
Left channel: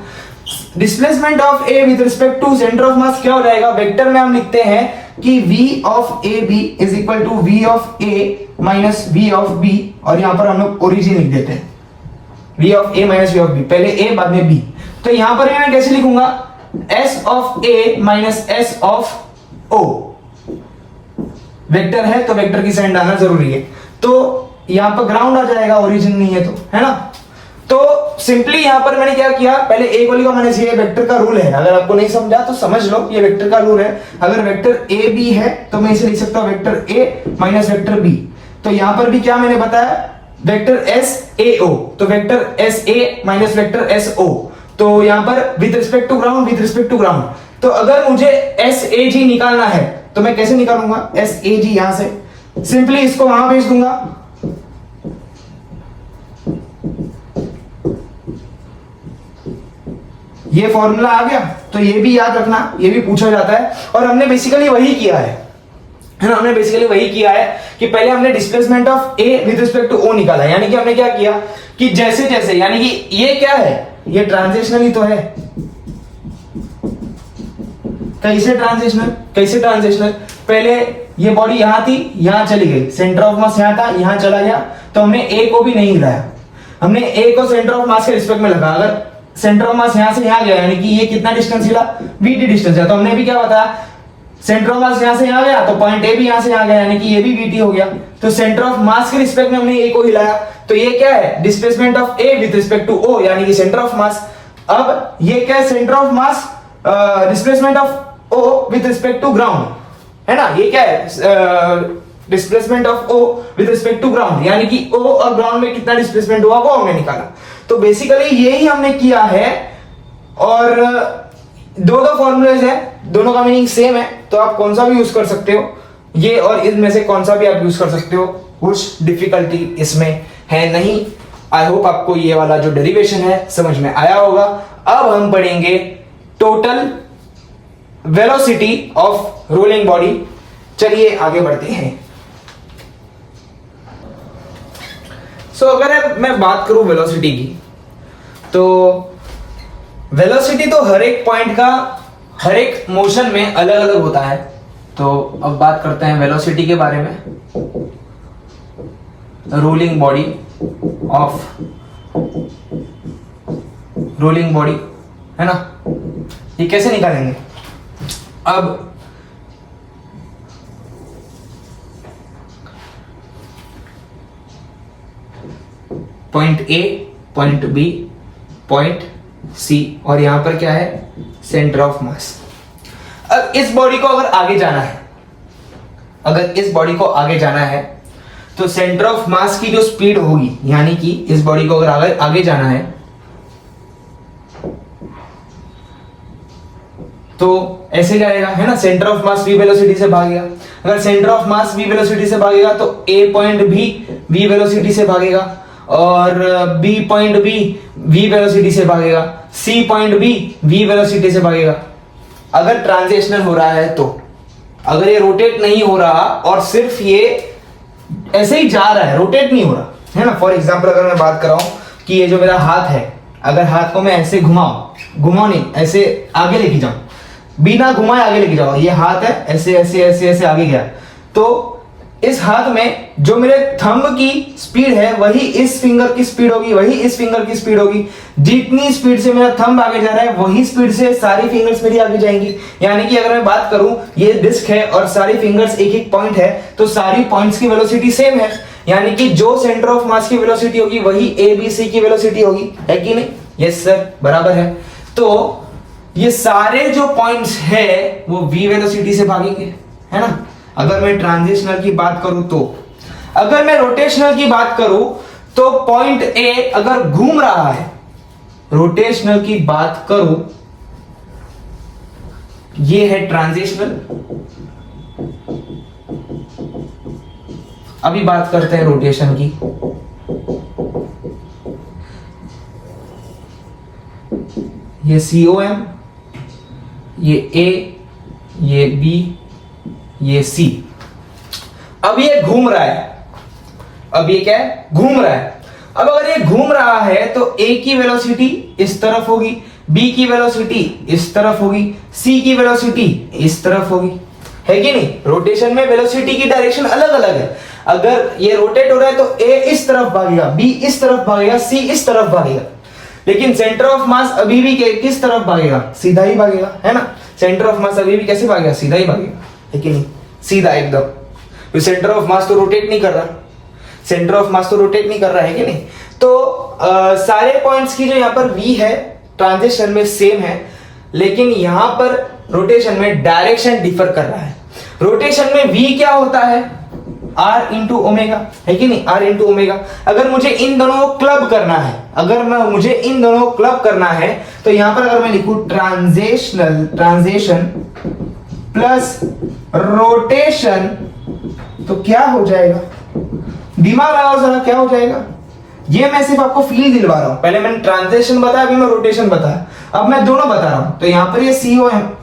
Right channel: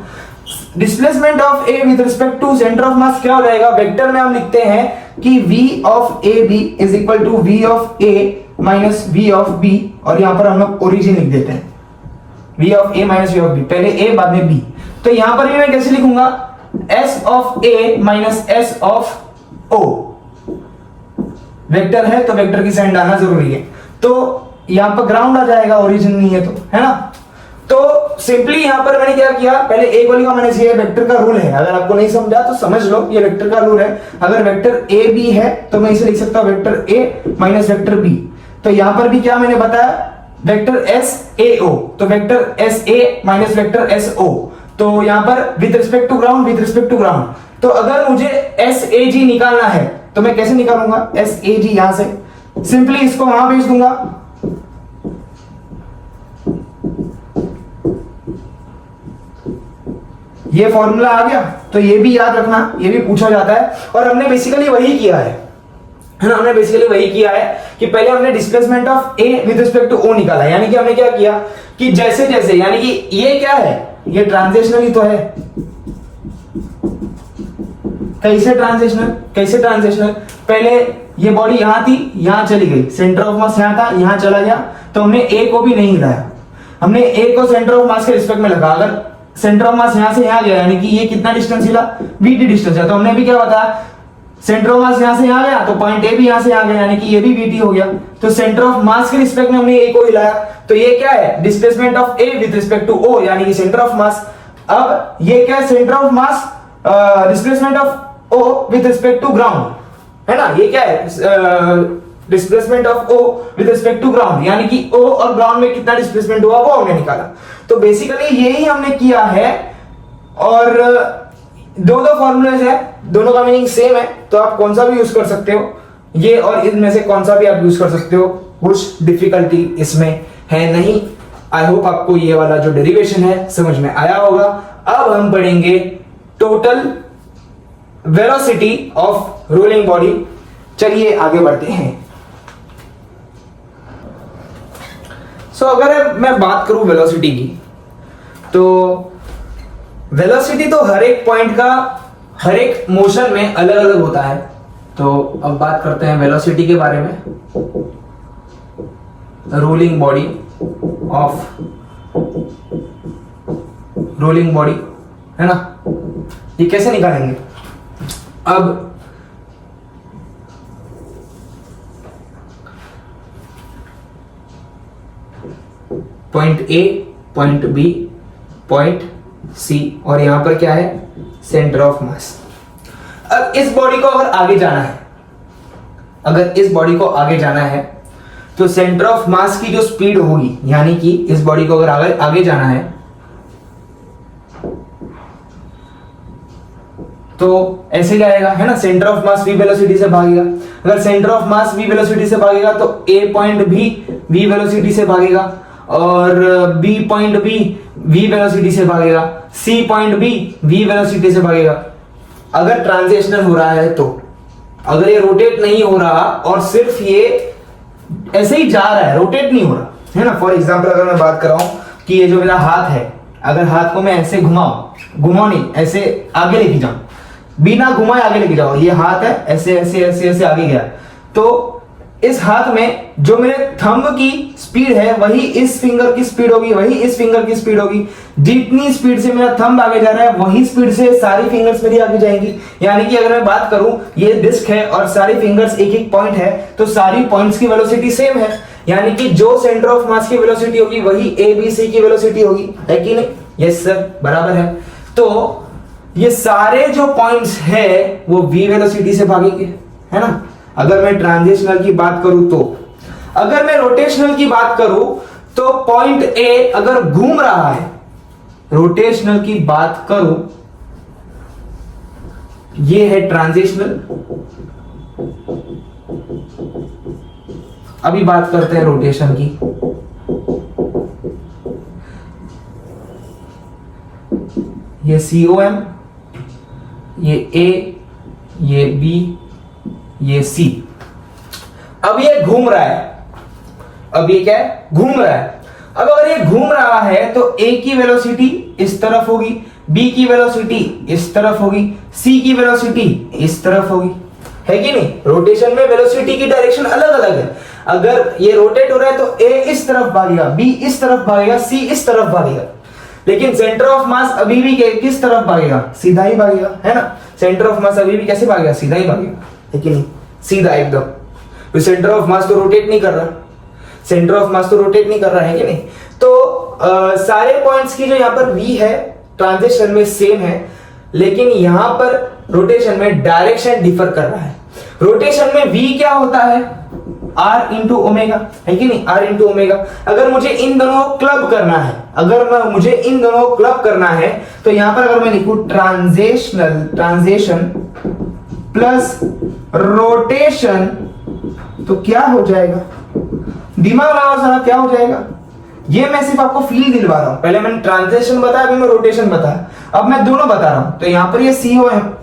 displacement of a with respect to centre of mass क्या हो जाएगा? वेक्टर में हम लिखते हैं कि v of a b is equal to v of a minus v of b, और यहां पर हम लोग ओरिजिन लिख देते हैं, v of a minus v of b, पहले a बाद में b। तो यहां पर भी मैं कैसे लिखूंगा? s of a minus s of o। Vector है तो वेक्टर की साइन डालना जरूरी है। तो यहाँ पर ग्राउंड आ जाएगा, ओरिजिन नहीं है तो, है ना। तो सिंपली यहां पर मैंने क्या किया, पहले एक वाली का मैंने ये वेक्टर का रूल है, अगर आपको नहीं समझा तो समझ लो, ये वेक्टर का रूल है। अगर वेक्टर ए बी है तो मैं इसे लिख सकता हूं vector A minus vector B. तो यहां पर भी क्या मैंने बताया, वेक्टर एस ए ओ, तो vector S A minus vector S O, तो यहां पर with respect to ground, with respect to ground. तो अगर मुझे एस ए जी निकालना है तो मैं कैसे निकालूंगा, एस ए जी यहां से सिंपली इसको वहां भेज दूंगा, ये फॉर्मूला आ गया। तो ये भी याद रखना, ये भी पूछा जाता है, और हमने बेसिकली वही किया है ना, हमने बेसिकली वही किया है कि पहले हमने displacement of A with respect to O निकाला, यानी कि हमने क्या किया कि जैसे जैसे, यानी कि ये क्या है, ये ट्रांजिशनल ही तो है। कैसे ट्रांजिशनल, कैसे ट्रांजिशनल, पहले ये बॉडी यहां थी, यहां चली गई, सेंटर ऑफ मास यहां था, यहां चला गया, तो हमने ए को भी नहीं हिलाया, हमने ए को सेंटर ऑफ मास के रिस्पेक्ट में लगा। अगर सेंटर ऑफ मास यहां से यहां गया, यानी कि ये कितना डिस्टेंस हिला, वीटी डिस्टेंस है, तो हमने भी क्या बताया, सेंटर ऑफ मास यहां से यहां गया तो पॉइंट ए भी यहां से यहां गया, यानी कि ये भी वीटी हो गया। तो सेंटर ऑफ मास के रिस्पेक्ट में हमने ए को हिलाया, तो ये क्या है, displacement of A with respect to O, यानी कि सेंटर ऑफ मास। अब ये क्या है, centre of mass displacement of O with respect to ground, है ना, ये क्या है, displacement of O with respect to ground, यानी कि ओ और ग्राउंड में कितना डिस्प्लेसमेंट हुआ वो हमने निकाला। तो बेसिकली यही हमने किया है, और दो फॉर्मूलेज है, दोनों का मीनिंग सेम है, तो आप कौन सा भी यूज कर सकते हो, ये और इनमें से कौन सा भी आप यूज कर सकते हो, कुछ डिफिकल्टी इसमें है नहीं। आई होप आपको ये वाला जो डेरिवेशन है समझ में आया होगा। अब हम पढ़ेंगे total velocity of rolling body. चलिए आगे बढ़ते हैं। सो अगर मैं बात करूं वेलोसिटी की, तो वेलोसिटी तो हर एक पॉइंट का हर एक मोशन में अलग अलग होता है। तो अब बात करते हैं वेलोसिटी के बारे में। Rolling body of rolling body, है ना, ये कैसे निकालेंगे। अब point A, point B, point C, और यहां पर क्या है, सेंटर ऑफ मास। अब इस बॉडी को अगर आगे जाना है, अगर इस बॉडी को आगे जाना है तो सेंटर ऑफ मास की जो स्पीड होगी, यानी कि इस बॉडी को अगर आगे जाना है तो ऐसे जाएगा, है ना, centre of mass v velocity से भागेगा। अगर centre of mass v velocity से भागेगा तो a पॉइंट भी v वेलोसिटी से भागेगा, और b पॉइंट भी v वेलोसिटी से भागेगा, c पॉइंट भी v वेलोसिटी से भागेगा। अगर ट्रांजिशनल हो रहा है तो, अगर ये रोटेट नहीं हो रहा और सिर्फ ये ऐसे ही जा रहा है, रोटेट नहीं हो रहा, है ना। फॉर एग्जांपल अगर मैं बात कर रहा हूं कि ये जो मेरा हाथ है, अगर हाथ को मैं ऐसे घुमाऊं नहीं, ऐसे आगे लेके जाऊं, बिना घुमाए आगे लेके जाओ, ये हाथ है, ऐसे ऐसे ऐसे ऐसे आगे गया, तो इस हाथ में जो मेरे थंब की स्पीड है वही इस फिंगर की स्पीड होगी, वही इस फिंगर की स्पीड होगी। जितनी स्पीड से मेरा थंब आगे जा रहा है वही स्पीड से सारी फिंगर्स मेरी आगे जाएंगी। यानी कि अगर मैं बात करूं, ये डिस्क है और सारी फिंगर्स एक एक पॉइंट है, तो सारी पॉइंट्स की वेलोसिटी सेम है, यानी कि जो सेंटर ऑफ मास की वेलोसिटी होगी वही ए बी सी की वेलोसिटी होगी, है कि नहीं। यस सर, बराबर है। तो ये सारे जो पॉइंट्स है वो v वेलोसिटी से भागेंगे, है ना। अगर मैं ट्रांजिशनल की बात करूं तो, अगर मैं रोटेशनल की बात करूं तो पॉइंट ए अगर घूम रहा है, रोटेशनल की बात करूं, ये है ट्रांजिशनल। अभी बात करते हैं रोटेशन की। ये COM, ये A, ये B, ये C। अब ये घूम रहा है, अब ये क्या है, घूम रहा है। अब अगर ये घूम रहा है तो A की वेलोसिटी इस तरफ होगी, B की वेलोसिटी इस तरफ होगी, C की वेलोसिटी इस तरफ होगी, है कि नहीं। रोटेशन में वेलोसिटी की डायरेक्शन अलग अलग है। अगर ये रोटेट हो रहा है तो A इस तरफ भागेगा, B इस तरफ भागेगा, C इस तरफ भागेगा। लेकिन सेंटर ऑफ मास अभी भी किस तरफ भागेगा, सीधा ही भागेगा, है ना। सेंटर ऑफ मास अभी भी कैसे भागेगा, सीधा ही भागेगा, है कि नहीं, सीधा एकदम। तो सेंटर ऑफ मास तो रोटेट नहीं कर रहा। सेंटर ऑफ मास तो रोटेट नहीं कर रहा है कि नहीं। तो सारे पॉइंट्स की जो यहाँ पर v है ट्रांजिशन में सेम है, लेकिन यहां पर रोटेशन में डायरेक्शन डिफर कर रहा है। रोटेशन में v क्या होता है, r इंटू ओमेगा, है कि नहीं, r इंटू ओमेगा। अगर मुझे इन दोनों को क्लब करना है, मुझे इन दोनों को क्लब करना है, तो यहां पर अगर मैं लिखूं ट्रांजेक्शन प्लस रोटेशन, तो क्या हो जाएगा, दिमाग लगाओ जरा, क्या हो जाएगा। ये मैं सिर्फ आपको फील दिलवा रहा हूं, पहले मैंने ट्रांजिशन बताया, अभी मैं रोटेशन बताया, अब मैं दोनों बता रहा हूं। तो यहां पर ये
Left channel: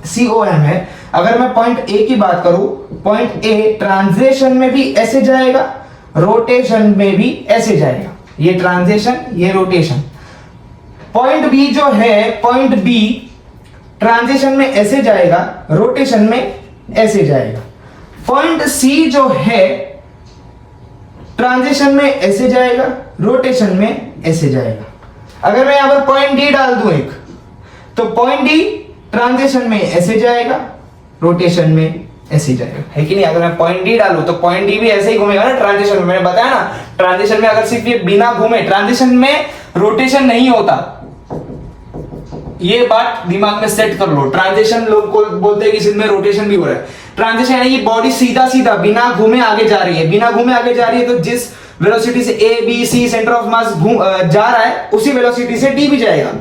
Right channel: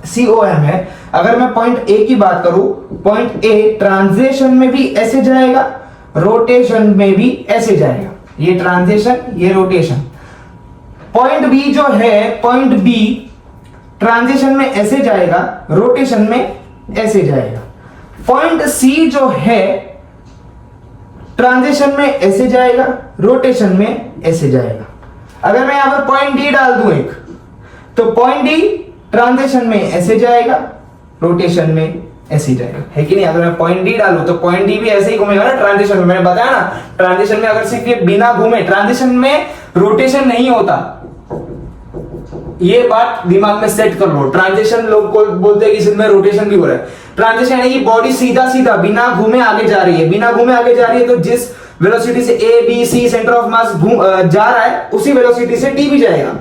COM है। अगर मैं पॉइंट ए की बात करूं, पॉइंट ए ट्रांजिशन में भी ऐसे जाएगा, रोटेशन में भी ऐसे जाएगा, ये ट्रांजिशन ये रोटेशन। पॉइंट बी जो है, पॉइंट बी ट्रांजिशन में ऐसे जाएगा, रोटेशन में ऐसे जाएगा। पॉइंट सी जो है ट्रांजिशन में ऐसे जाएगा, रोटेशन में ऐसे जाएगा। अगर मैं यहां पर पॉइंट डी डाल दूं एक, तो पॉइंट डी ट्रांजिशन में ऐसे जाएगा, रोटेशन में ऐसे जाएगा, है कि नहीं। अगर मैं पॉइंट डी डालूं तो पॉइंट डी भी ऐसे ही घूमेगा ना ट्रांजिशन में। मैंने बताया ना, ट्रांजिशन में अगर सिर्फ ये बिना घूमे, ट्रांजिशन में रोटेशन नहीं होता, ये बात दिमाग में सेट कर लो। ट्रांजिशन लोग को बोलते हैं कि इसमें रोटेशन भी हो रहा है। ट्रांजिशन यानी कि बॉडी सीधा सीधा बिना घूमे आगे जा रही है, बिना घूमे आगे जा रही है, तो जिस वेलोसिटी से A B C centre of mass जा रहा है, उसी वेलोसिटी से डी भी जाएगा,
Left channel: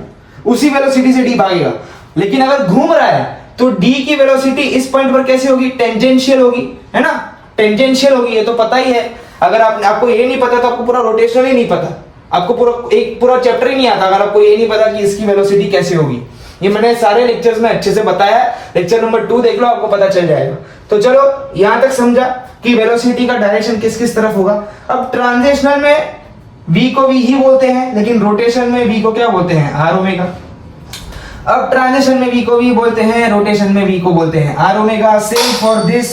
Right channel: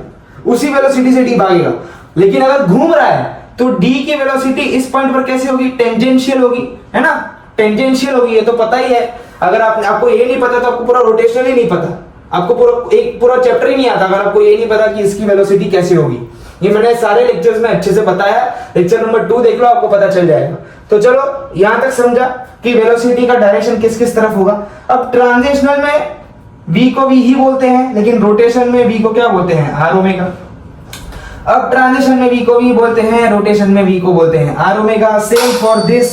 उसी वेलोसिटी से डी भागेगा। लेकिन अगर घूम रहा है तो डी की वेलोसिटी इस पॉइंट पर कैसे होगी, टेंजेंशियल होगी, है ना, टेंजेंशियल होगी, ये तो पता ही है। अगर आपको ये नहीं पता तो आपको पूरा रोटेशन ही नहीं पता, आपको पूरा चैप्टर ही नहीं आता अगर आपको ये नहीं पता कि इसकी वेलोसिटी कैसे होगी। ये मैंने सारे लेक्चर्स में अच्छे से बताया, लेक्चर नंबर 2 देख लो, आपको पता चल जाएगा। तो चलो यहां तक समझा कि वेलोसिटी का डायरेक्शन किस किस तरफ होगा। अब ट्रांजिशनल में v को v ही बोलते हैं, लेकिन रोटेशन में v को क्या बोलते हैं, r ओमेगा। अब ट्रांजिशन में v को v बोलते हैं, रोटेशन में v को बोलते हैं r omega. Same for this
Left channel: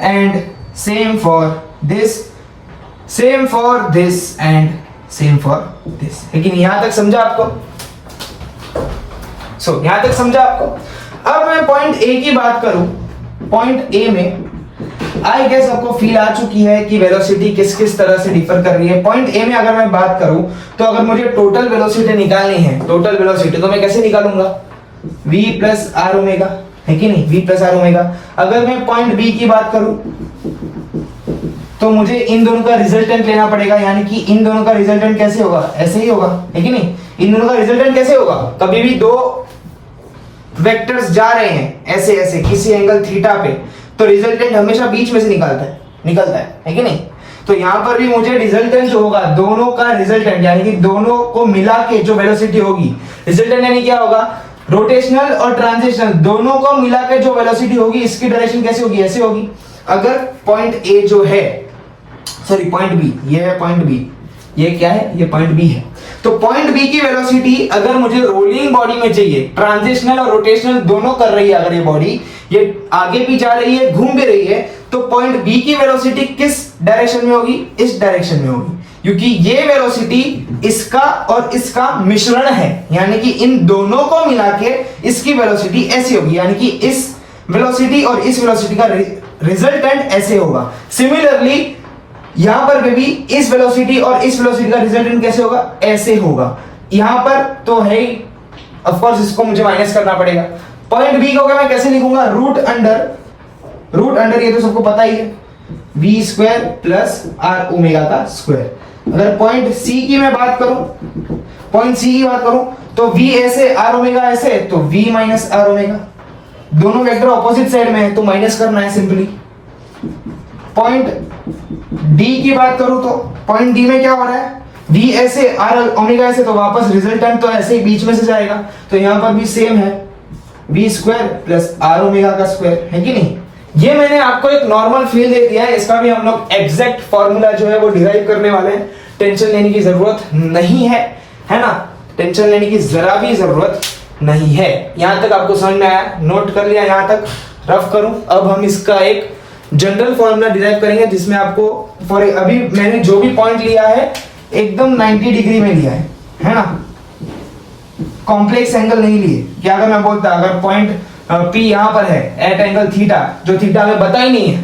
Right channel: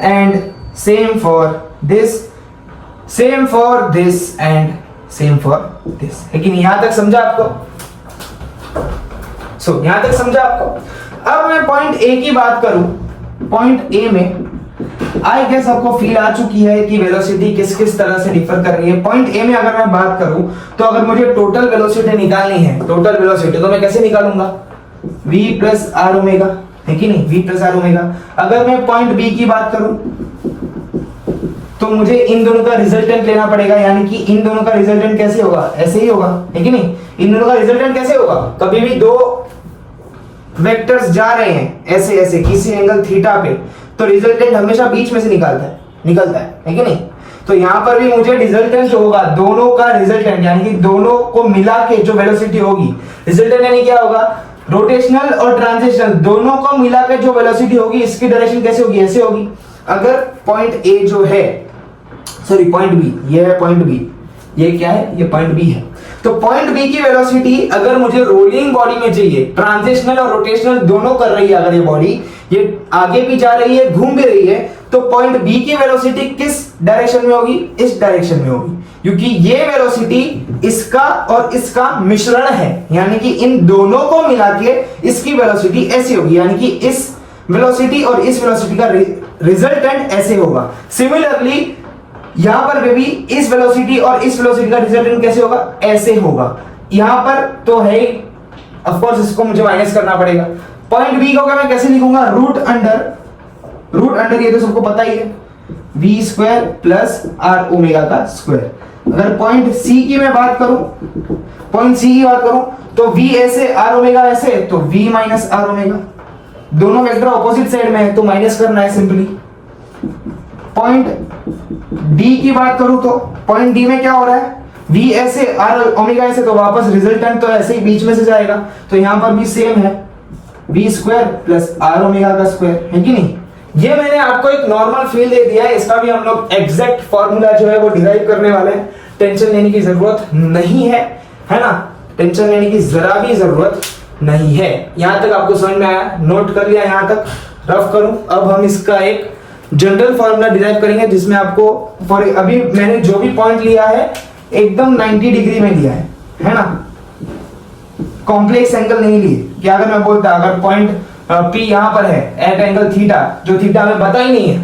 and same for this, same for this and same for this. लेकिन यहां तक समझा आपको, यहां तक समझा आपको। अब मैं पॉइंट ए की बात करूं, पॉइंट ए में आई गेस आपको फील आ चुकी है कि वेलोसिटी किस किस तरह से डिफर कर रही है। पॉइंट ए में अगर मैं बात करूं, तो अगर मुझे टोटल वेलोसिटी निकालनी है, टोटल वेलोसिटी, तो मैं कैसे निकालूंगा, v प्लस आर ओमेगा, है कि नहीं, v प्लस आर ओमेगा। अगर मैं पॉइंट बी की बात करूं, तो मुझे इन दोनों का रिजल्टेंट लेना पड़ेगा, यानी कि इन दोनों का रिजल्टेंट कैसे होगा, ऐसे ही होगा, है कि नहीं। इन दोनों का रिजल्टेंट कैसे होगा, कभी भी दो वेक्टर्स जा रहे हैं ऐसे ऐसे किसी एंगल थीटा पे, तो रिजल्टेंट हमेशा बीच में से निकलता है कि नहीं। तो यहां पर भी मुझे रिजल्टेंट जो होगा, दोनों का रिजल्टेंट, यानी कि दोनों को मिला के जो वेलोसिटी होगी, रिजल्टेंट यानी क्या होगा, रोटेशनल और ट्रांजिशनल दोनों को मिला के जो वेलोसिटी होगी, इसकी डायरेक्शन कैसे होगी, ऐसे होगी। अगर पॉइंट ए जो है, सॉरी पॉइंट बी, ये है पॉइंट बी, ये क्या है, ये पॉइंट बी है। तो पॉइंट बी की वेलोसिटी अगर मुझे रोलिंग बॉडी में चाहिए, ट्रांजिशनल और रोटेशनल दोनों कर रही है, अगर ये बॉडी ये आगे भी जा रही है, घूम भी रही है, तो पॉइंट बी की वेलोसिटी किस डायरेक्शन में होगी, इस डायरेक्शन में होगी, क्योंकि ये वेलोसिटी इसका और इसका मिश्रण है, यानी कि इन दोनों को मिला के इसकी वेलोसिटी ऐसी होगी, यानी कि इस वेलोसिटी और इस वेलोसिटी का रिजल्टेंट ऐसे होगा। सिमिलरली यहां पर भी इस वेलोसिटी और इस वेलोसिटी का रिजल्टेंट कैसे होगा, ऐसे होगा। यहां पर तो है, ऑफ कोर्स इसको मुझे माइनस करना पड़ेगा। पॉइंट बी को मैं कैसे लिखूंगा, रूट अंडर, ये तो सबको पता ही है, v square plus R omega का स्क्वायर। अगर पॉइंट सी की मैं बात करूं, पॉइंट सी की बात करूं, तो v ऐसे आर ओमेगा ऐसे, तो v माइनस आर ओमेगा। दोनों वेक्टर ऑपोजिट साइड में है तो माइनस करना है सिंपली। पॉइंट डी की बात करूं, तो पॉइंट डी में क्या हो रहा है, v ऐसे आर ओमेगा ऐसे, तो वापस रिजल्टेंट तो ऐसे ही बीच में से जाएगा, तो यहां पर भी सेम है, v square plus R omega का स्क्वायर, है कि नहीं। ये मैंने आपको एक नॉर्मल फील दे दिया है, इसका भी हम लोग एग्जैक्ट फॉर्मूला जो है वो डिराइव करने वाले हैं। टेंशन लेने की जरूरत नहीं है, है ना, टेंशन लेने की जरा भी जरूरत नहीं है। यहां तक आपको समझ में आया, नोट कर लिया, यहां तक रफ करूं। अब हम इसका एक जनरल फॉर्मूला डिराइव करेंगे, जिसमें आपको फॉर अभी मैंने जो भी पॉइंट लिया है एकदम 90 डिग्री में लिया है ना, कॉम्प्लेक्स एंगल नहीं लिए। कि अगर मैं बोलता, अगर पॉइंट P यहां पर है एट एंगल थीटा, जो थीटा में पता ही नहीं है,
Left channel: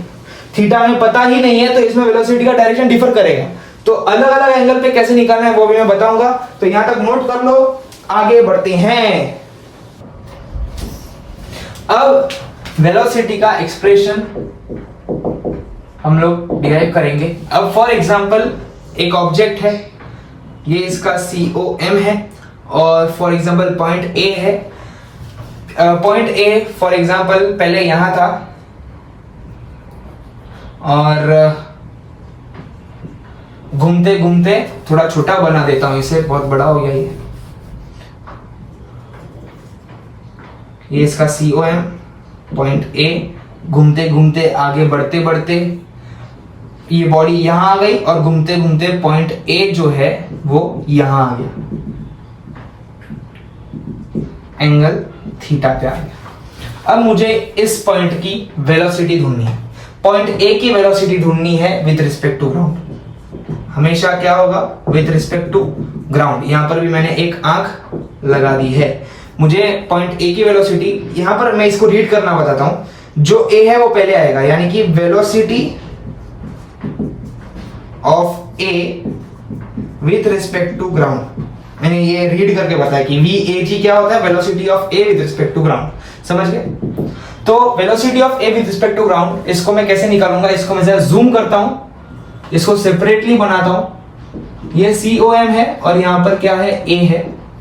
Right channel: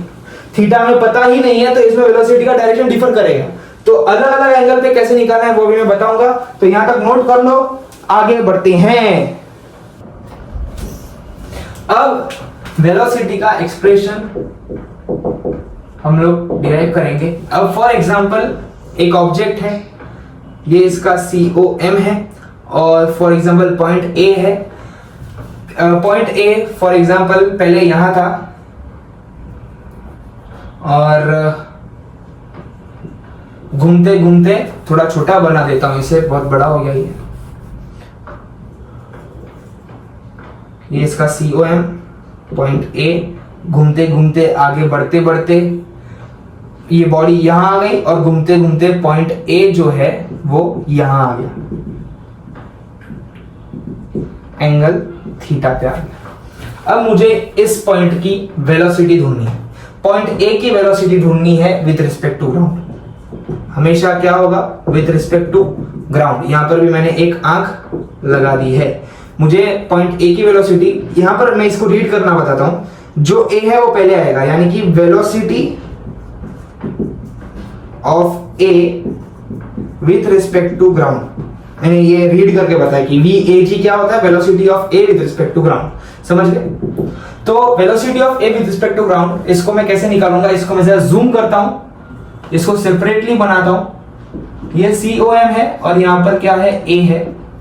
थीटा में पता ही नहीं है, तो इसमें वेलोसिटी का डायरेक्शन डिफर करेगा। तो अलग अलग एंगल पे कैसे निकालना है वो भी मैं बताऊंगा, तो यहां तक नोट कर लो। आगे बढ़ते हैं। अब वेलोसिटी का एक्सप्रेशन हम लोग डिराइव करेंगे। अब फॉर एग्जांपल एक ऑब्जेक्ट है, ये इसका COM है, और फॉर एग्जांपल पॉइंट A है। पॉइंट A फॉर एग्जांपल पहले यहां था, और घूमते घूमते थोड़ा छोटा बना देता हूं इसे, बहुत बड़ा हो गया ये इसका COM पॉइंट A। घूमते घूमते आगे बढ़ते बढ़ते ये बॉडी यहां आ गई, और घूमते घूमते पॉइंट A जो है वो यहां आ गया, एंगल थीटा पे आ गया। अब मुझे इस पॉइंट की वेलोसिटी ढूंढनी है। पॉइंट A की वेलोसिटी ढूंढनी है विद रिस्पेक्ट टू ग्राउंड। हमेशा क्या होगा, विद रिस्पेक्ट टू ग्राउंड। यहां पर भी मैंने एक आंख लगा दी है। मुझे पॉइंट A की वेलोसिटी, यहां पर मैं इसको रीड करना बताता हूं। जो A है वो पहले आएगा, यानी कि velocity of A with respect to ground. मैंने ये रीड करके बताया कि VAG क्या होता है, velocity of A with respect to ground. समझ गए? तो velocity of A with respect to ground, इसको मैं कैसे निकालूंगा, इसको मैं जरा जूम करता हूं, इसको सेपरेटली बनाता हूं। ये COM है और यहां पर क्या है, A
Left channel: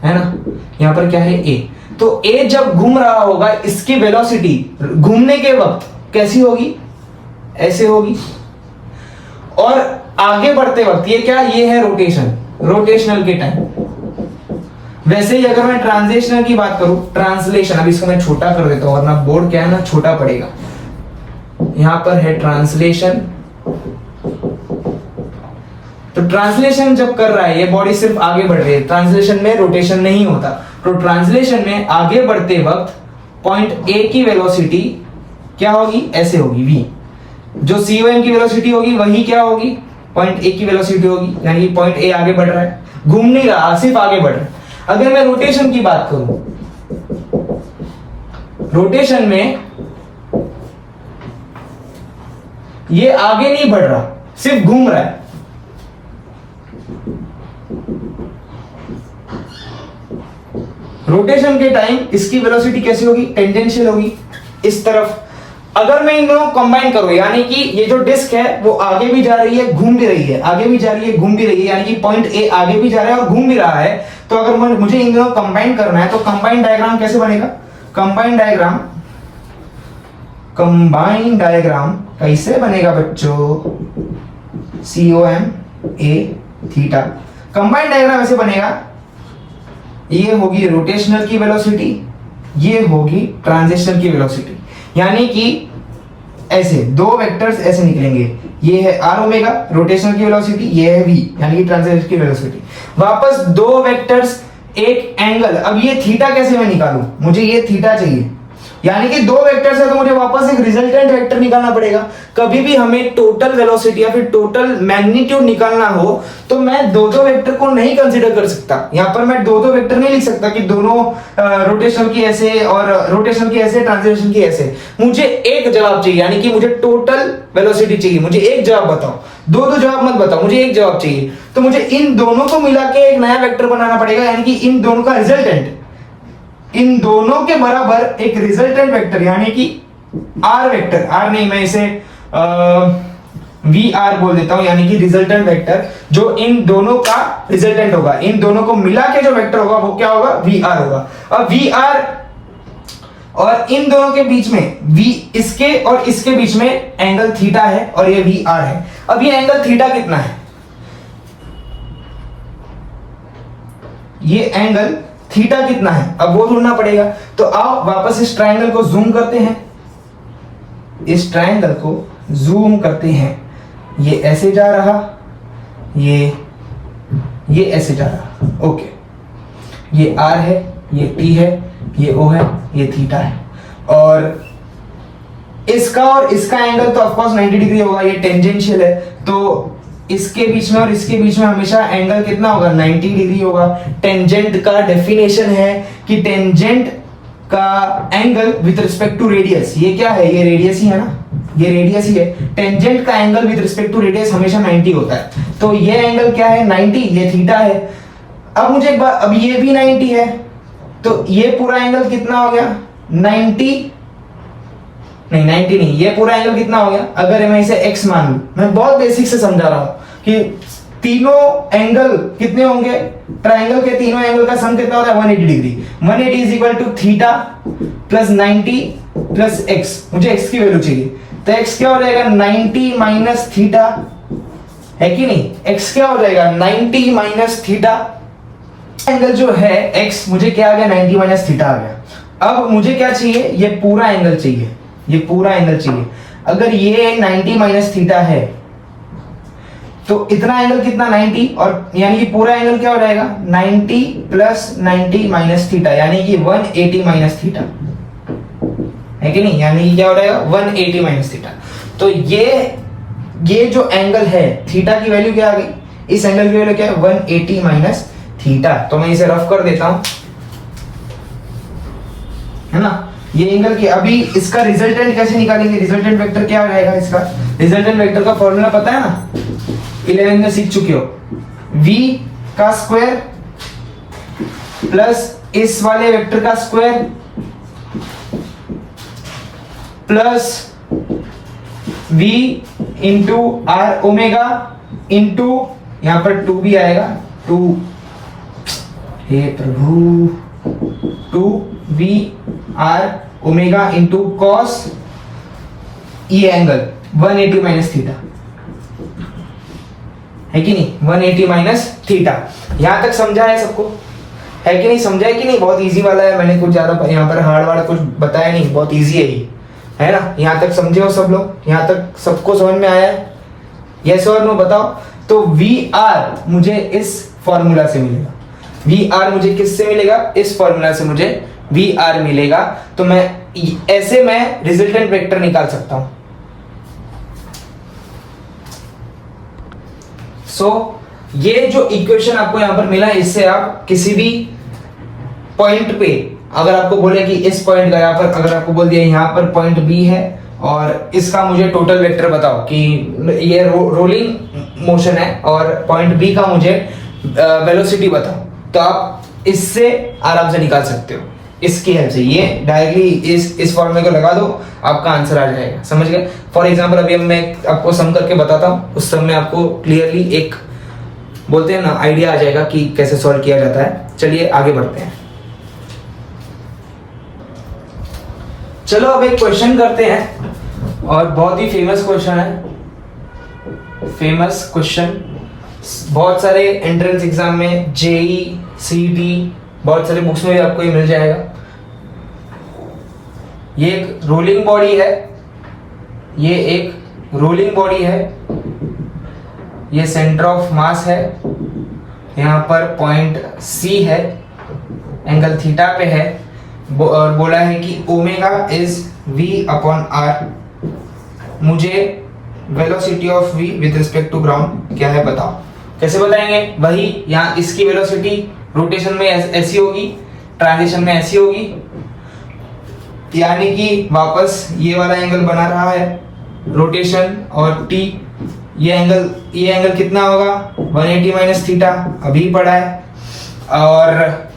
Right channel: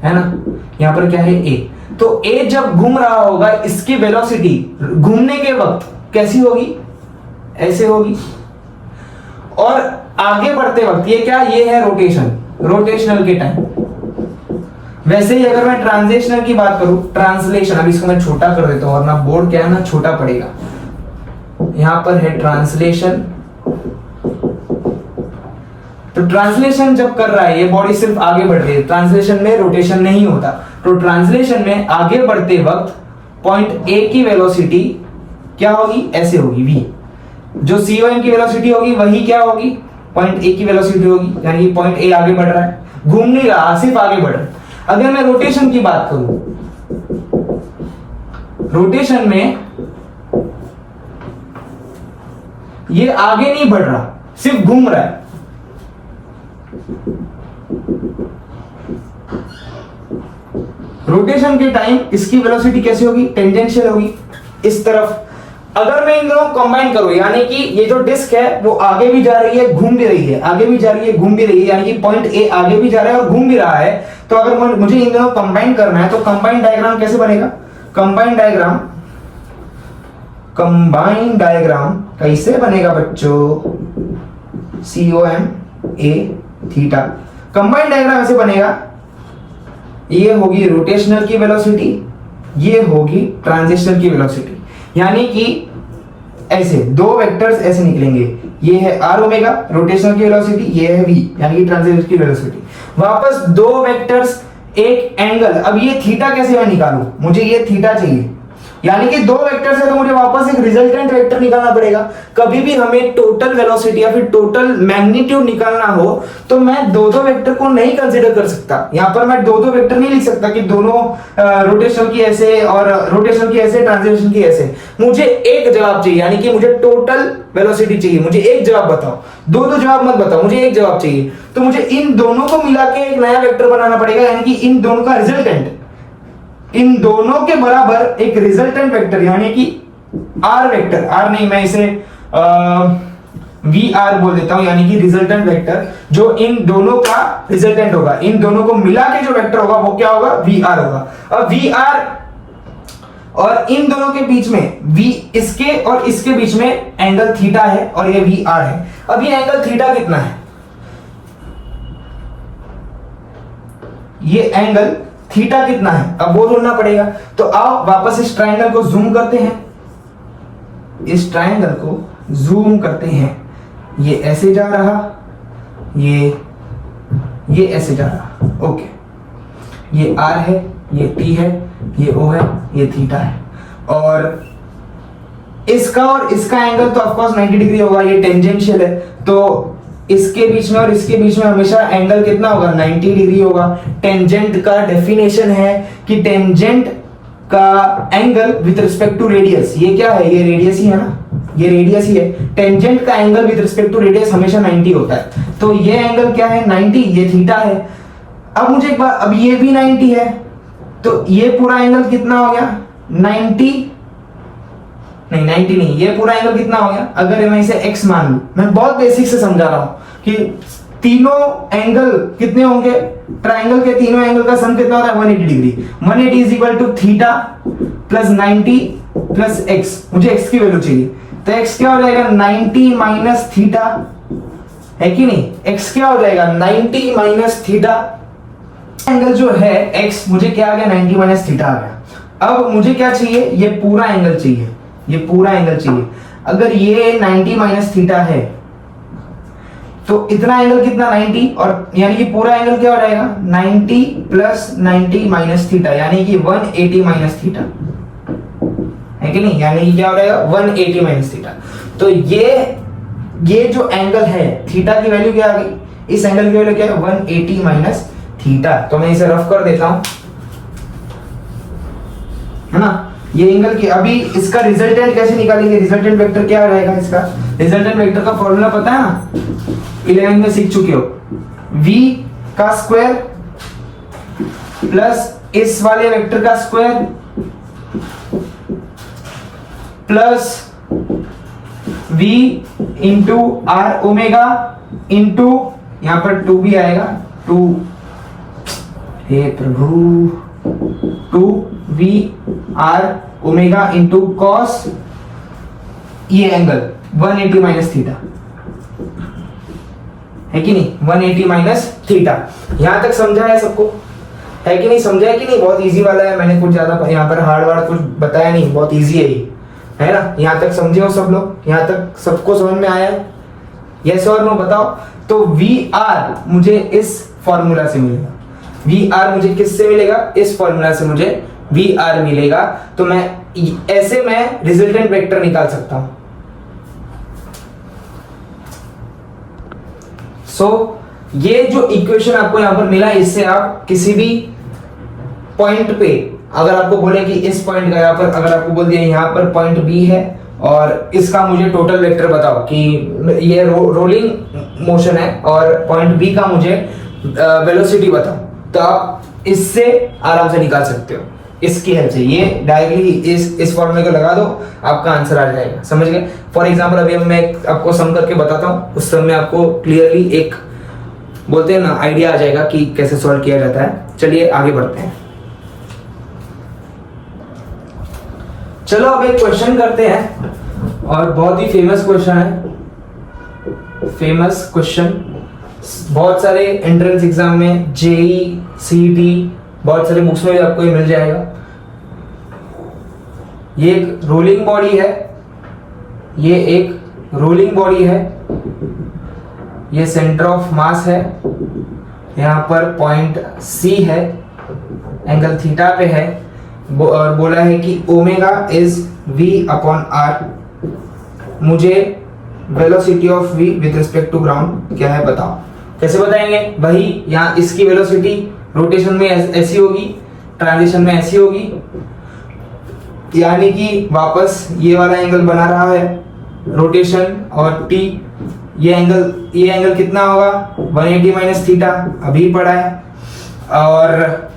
है ना? यहां पर क्या है, A। तो A जब घूम रहा होगा, इसकी वेलोसिटी घूमने के वक्त कैसी होगी, ऐसे होगी। और आगे बढ़ते वक्त ये क्या, ये है रोटेशन, रोटेशनल के टाइम। वैसे ही अगर मैं ट्रांसलेशनल की बात करूं, ट्रांसलेशन, अब इसको मैं छोटा कर देता हूं वरना बोर्ड क्या है ना, छोटा पड़ेगा। यहां पर है ट्रांसलेशन। तो ट्रांसलेशन जब कर रहा है, ये बॉडी सिर्फ आगे बढ़ रही है, ट्रांसलेशन में रोटेशन नहीं होता। तो ट्रांसलेशन में आगे बढ़ते वक्त पॉइंट A की वेलोसिटी क्या होगी, ऐसे होगी, V। जो COM की वेलोसिटी होगी वही क्या होगी, पॉइंट A की वेलोसिटी होगी, यानी कि पॉइंट A आगे बढ़ रहा है, घूम नहीं रहा, सिर्फ आगे बढ़ रहा है। अगर मैं रोटेशन की बात करूं, रोटेशन में ये आगे नहीं बढ़ रहा, सिर्फ घूम रहा है। रोटेशन के टाइम इसकी वेलोसिटी कैसी होगी, टेंजेंशियल होगी, इस तरफ। अगर मैं इन दोनों कंबाइन करूं, यानी कि ये जो डिस्क है वो आगे भी जा रही है, घूम भी रही है, आगे भी जा रही है, घूम भी रही है, यानी कि पॉइंट A आगे भी जा रहा है और घूम भी रहा है। तो अगर मुझे इन दोनों कंबाइन करना है, तो कंबाइन डायग्राम कैसे बनेगा, कंबाइन डायग्राम कैसे बनेगा बच्चों, COM A theta. Combine diagram ऐसे बनेगा, ये होगी रोटेशनल की वेलोसिटी, ये होगी ट्रांजिशनल की वेलोसिटी। यानी कि ऐसे दो वेक्टर्स ऐसे निकलेंगे, ये है R ओमेगा रोटेशनल की वेलोसिटी, ये है V यानी कि ट्रांजिशनल की वेलोसिटी। वापस दो वेक्टर्स, एक एंगल। अब ये थीटा कैसे मैं निकालूं, मुझे ये थीटा चाहिए, यानी कि दो वेक्टर्स है तो मुझे वापस एक रिजल्टेंट वेक्टर निकालना पड़ेगा। कभी भी हमें टोटल वेलोसिटी या फिर टोटल मैग्नीट्यूड निकालना हो तो मैं दो दो वेक्टर को नहीं कंसीडर कर सकता। यहां पर मैं दो दो वेक्टर नहीं लिख सकता कि दोनों रोटेशन की ऐसे और रोटेशन की ऐसे, ट्रांसलेशन की ऐसे। मुझे एक जवाब चाहिए, यानी कि मुझे टोटल वेलोसिटी चाहिए। मुझे एक जवाब बताओ, दो दो जवाब मत बताओ, मुझे एक जवाब चाहिए। तो मुझे इन दोनों को मिला के एक नया वेक्टर बनाना पड़ेगा, यानी कि इन दोनों का रिजल्टेंट, इन दोनों के बराबर एक रिजल्टेंट वेक्टर, यानी कि R वेक्टर, R नहीं मैं इसे VR बोल देता हूं, यानी कि रिजल्टेंट वेक्टर जो इन दोनों का रिजल्टेंट होगा। इन दोनों को मिला के जो वेक्टर होगा वो क्या होगा, VR होगा। अब VR और इन दोनों के बीच में V, इसके और इसके बीच में एंगल थीटा है और ये VR है। अब ये एंगल थीटा कितना है, ये एंगल थीटा कितना है, अब वो ढूंढना पड़ेगा। तो आओ वापस इस ट्रायंगल को जूम करते हैं, इस ट्रायंगल को जूम करते हैं। ये ऐसे जा रहा, ये ऐसे जा रहा, ओके। ये R है, ये T है, ये O है, ये थीटा है। और इसका और इसका एंगल तो ऑफकोर्स 90 डिग्री होगा, ये टेंजेंशियल है। तो इसके बीच में और इसके बीच में हमेशा एंगल कितना होगा, 90 डिग्री होगा। टेंजेंट का डेफिनेशन है कि टेंजेंट का angle with respect to radius, ये क्या है, ये रेडियस ही है ना, ये रेडियस ही है, टेंजेंट का angle with respect to radius हमेशा 90 होता है, तो ये एंगल क्या है 90, ये थीटा है। अब मुझे एक बात, अब ये भी 90 है, तो ये पूरा एंगल कितना हो गया 90 नहीं, ये पूरा एंगल कितना हो गया, अगर मैं इसे x मान लूं, मैं बहुत बेसिक से समझा रहा हूं कि तीनों एंगल कितने होंगे, ट्रायंगल के तीनों एंगल का सम कितना होता है 180 degree. 180 is equal to theta plus 90 plus x, मुझे x की वैल्यू चाहिए, तो x क्या हो जाएगा 90 माइनस थीटा, है कि नहीं, x क्या हो जाएगा 90 माइनस थीटा, एंगल जो है x मुझे क्या आ गया 90 माइनस थीटा आ गया। अब मुझे क्या चाहिए, ये पूरा एंगल चाहिए, ये पूरा एंगल चाहिए। अगर ये 90 माइनस थीटा है तो इतना एंगल कितना 90, और यानी कि पूरा एंगल क्या हो जाएगा 90 प्लस 90 माइनस थीटा, यानी कि 180 माइनस थीटा, है कि नहीं, यानी कि क्या हो जाएगा 180 माइनस थीटा। तो ये जो एंगल है थीटा की वैल्यू क्या आ गई, इस एंगल की वैल्यू क्या है 180 माइनस थीटा। तो मैं इसे रफ कर देता हूं, है ना, ये एंगल की। अभी इसका रिजल्टेंट कैसे निकालेंगे, रिजल्टेंट वेक्टर क्या रहेगा इसका, रिजल्टेंट वेक्टर का फॉर्मूला पता है ना, 11 में सीख चुके हो, v का स्क्वायर प्लस इस वाले वेक्टर का square plus v into R omega into यहां पर 2 भी आएगा, 2 हे प्रभु 2v R omega into cos ये एंगल 180 माइनस थीटा, है कि नहीं, 180 माइनस थीटा। यहां तक समझा है सबको, है कि नहीं, समझा है कि नहीं, बहुत इजी वाला है, मैंने कुछ ज्यादा यहाँ पर हार्ड वार्ड कुछ बताया नहीं, बहुत इजी है ये, है ना। यहां तक समझे हो सब लोग, यहां तक सबको समझ में आया है, यस और नो बताओ। तो वी आर मुझे इस फॉर्मूला से मिलेगा, वी आर मुझे किससे मिलेगा, इस फॉर्मूला से मुझे वी आर मिलेगा। तो मैं ऐसे मैं रिजल्टेंट वेक्टर निकाल सकता हूं। ये जो इक्वेशन आपको यहां पर मिला, इससे आप किसी भी पॉइंट पे अगर आपको बोले कि इस पॉइंट का यहां पर, अगर आपको बोल दिया यहां पर पॉइंट बी है और इसका मुझे टोटल वेक्टर बताओ कि ये रोलिंग मोशन है और पॉइंट बी का मुझे वेलोसिटी बताओ, तो आप इससे आराम से निकाल सकते हो, इसकी हेल्प से। ये डायरेक्टली इस फॉर्मूले को लगा दो, आपका आंसर आ जाएगा, समझ गए। फॉर एग्जांपल अभी मैं आपको सम करके बताता हूं, उस सम में आपको क्लियरली एक बोलते हैं ना आइडिया आ जाएगा कि कैसे सॉल्व किया जाता है। चलिए आगे बढ़ते हैं। चलो अब एक क्वेश्चन करते हैं, और बहुत ही फेमस क्वेश्चन है, फेमस क्वेश्चन बहुत सारे एंट्रेंस एग्जाम में, जेई, सीईटी, बहुत सारे बुक्स में भी आपको ये मिल जाएगा। ये एक रोलिंग बॉडी है, ये एक रोलिंग बॉडी है, ये सेंटर ऑफ मास है, यहां पर पॉइंट सी है, एंगल थीटा पे है, और बोला है कि omega is v upon R. मुझे velocity of v with respect to ground क्या है बताओ। कैसे बताएंगे, वही यहाँ इसकी वेलोसिटी रोटेशन में ऐसी होगी, ट्रांजिशन में ऐसी होगी, यानी कि वापस ये वाला एंगल बना रहा है रोटेशन और t, ये एंगल कितना होगा 180 माइनस थीटा, अभी पढ़ा है, और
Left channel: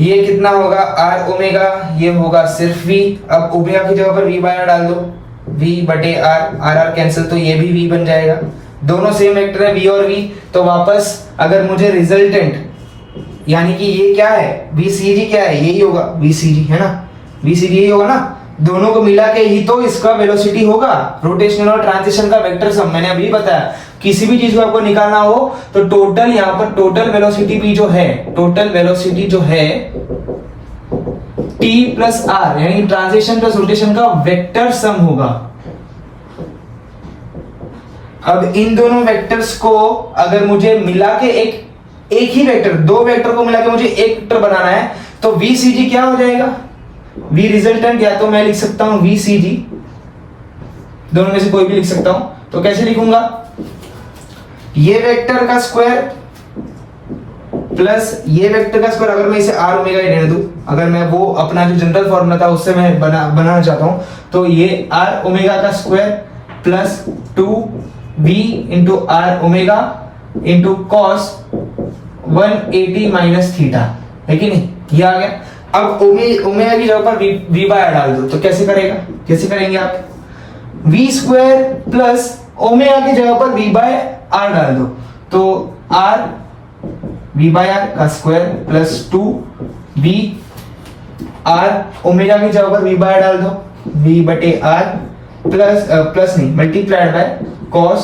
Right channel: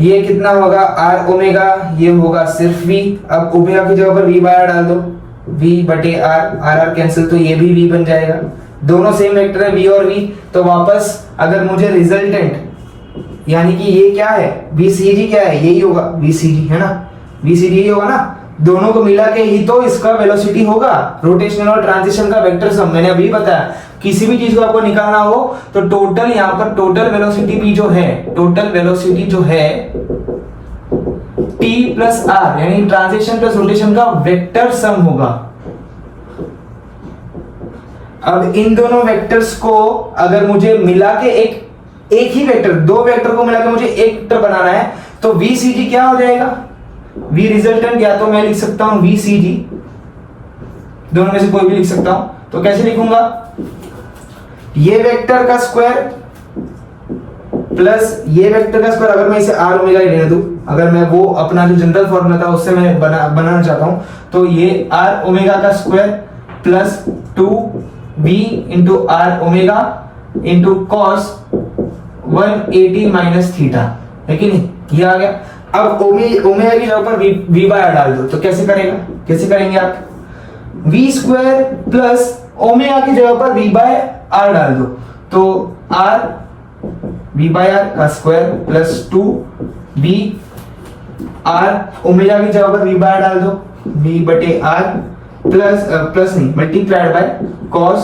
ये कितना होगा r ओमेगा, ये होगा सिर्फ v। अब ओमेगा की जगह पर v बार डाल दो, v बटे r कैंसिल, तो ये भी v बन जाएगा, दोनों सेम वेक्टर है v और v। तो वापस अगर मुझे रिजल्टेंट यानी कि ये क्या है vcg क्या है, यही होगा vcg, है ना, vcg यही होगा ना, दोनों को मिला के ही तो इसका वेलोसिटी होगा, रोटेशन और ट्रांजिशन का वेक्टर सम। मैंने अभी बताया किसी भी चीज को आपको निकालना हो तो टोटल, यहाँ पर टोटल वेलोसिटी भी जो है, टोटल वेलोसिटी जो है t प्लस r यानी ट्रांजिशन प्लस रोटेशन का वेक्टर सम होगा। अब इन दोनों वेक्टर्स को अगर मुझे मिला के एक ही वेक्टर, दो वेक्टर को मिला के मुझे एक वेक्टर बनाना है, तो vcg क्या हो जाएगा, v रिजल्टेंट, या तो मैं लिख सकता हूं vcg, दोनों में से कोई भी लिख सकता हूं। तो कैसे लिखूंगा, ये वेक्टर का स्क्वायर प्लस ये वेक्टर का स्क्वायर, अगर मैं इसे r ओमेगा लेने दूं अगर मैं वो अपना जो जनरल फॉर्मूला था उससे मैं बनाना चाहता हूं, तो ये r ओमेगा का square plus 2b into R omega into cos 180 minus theta, है कि नहीं? ये आ गया। अब ओमेगा की जगह पर v बाय आर डाल दो, तो कैसे करेंगे आप? v स्क्वायर प्लस ओमेगा की जगह पर v बाय आर डाल दो, तो r v बाय आर का square plus 2b r omega की जगह पर v बाय आर डाल दो, v बटे r प्लस नहीं multiplied by cos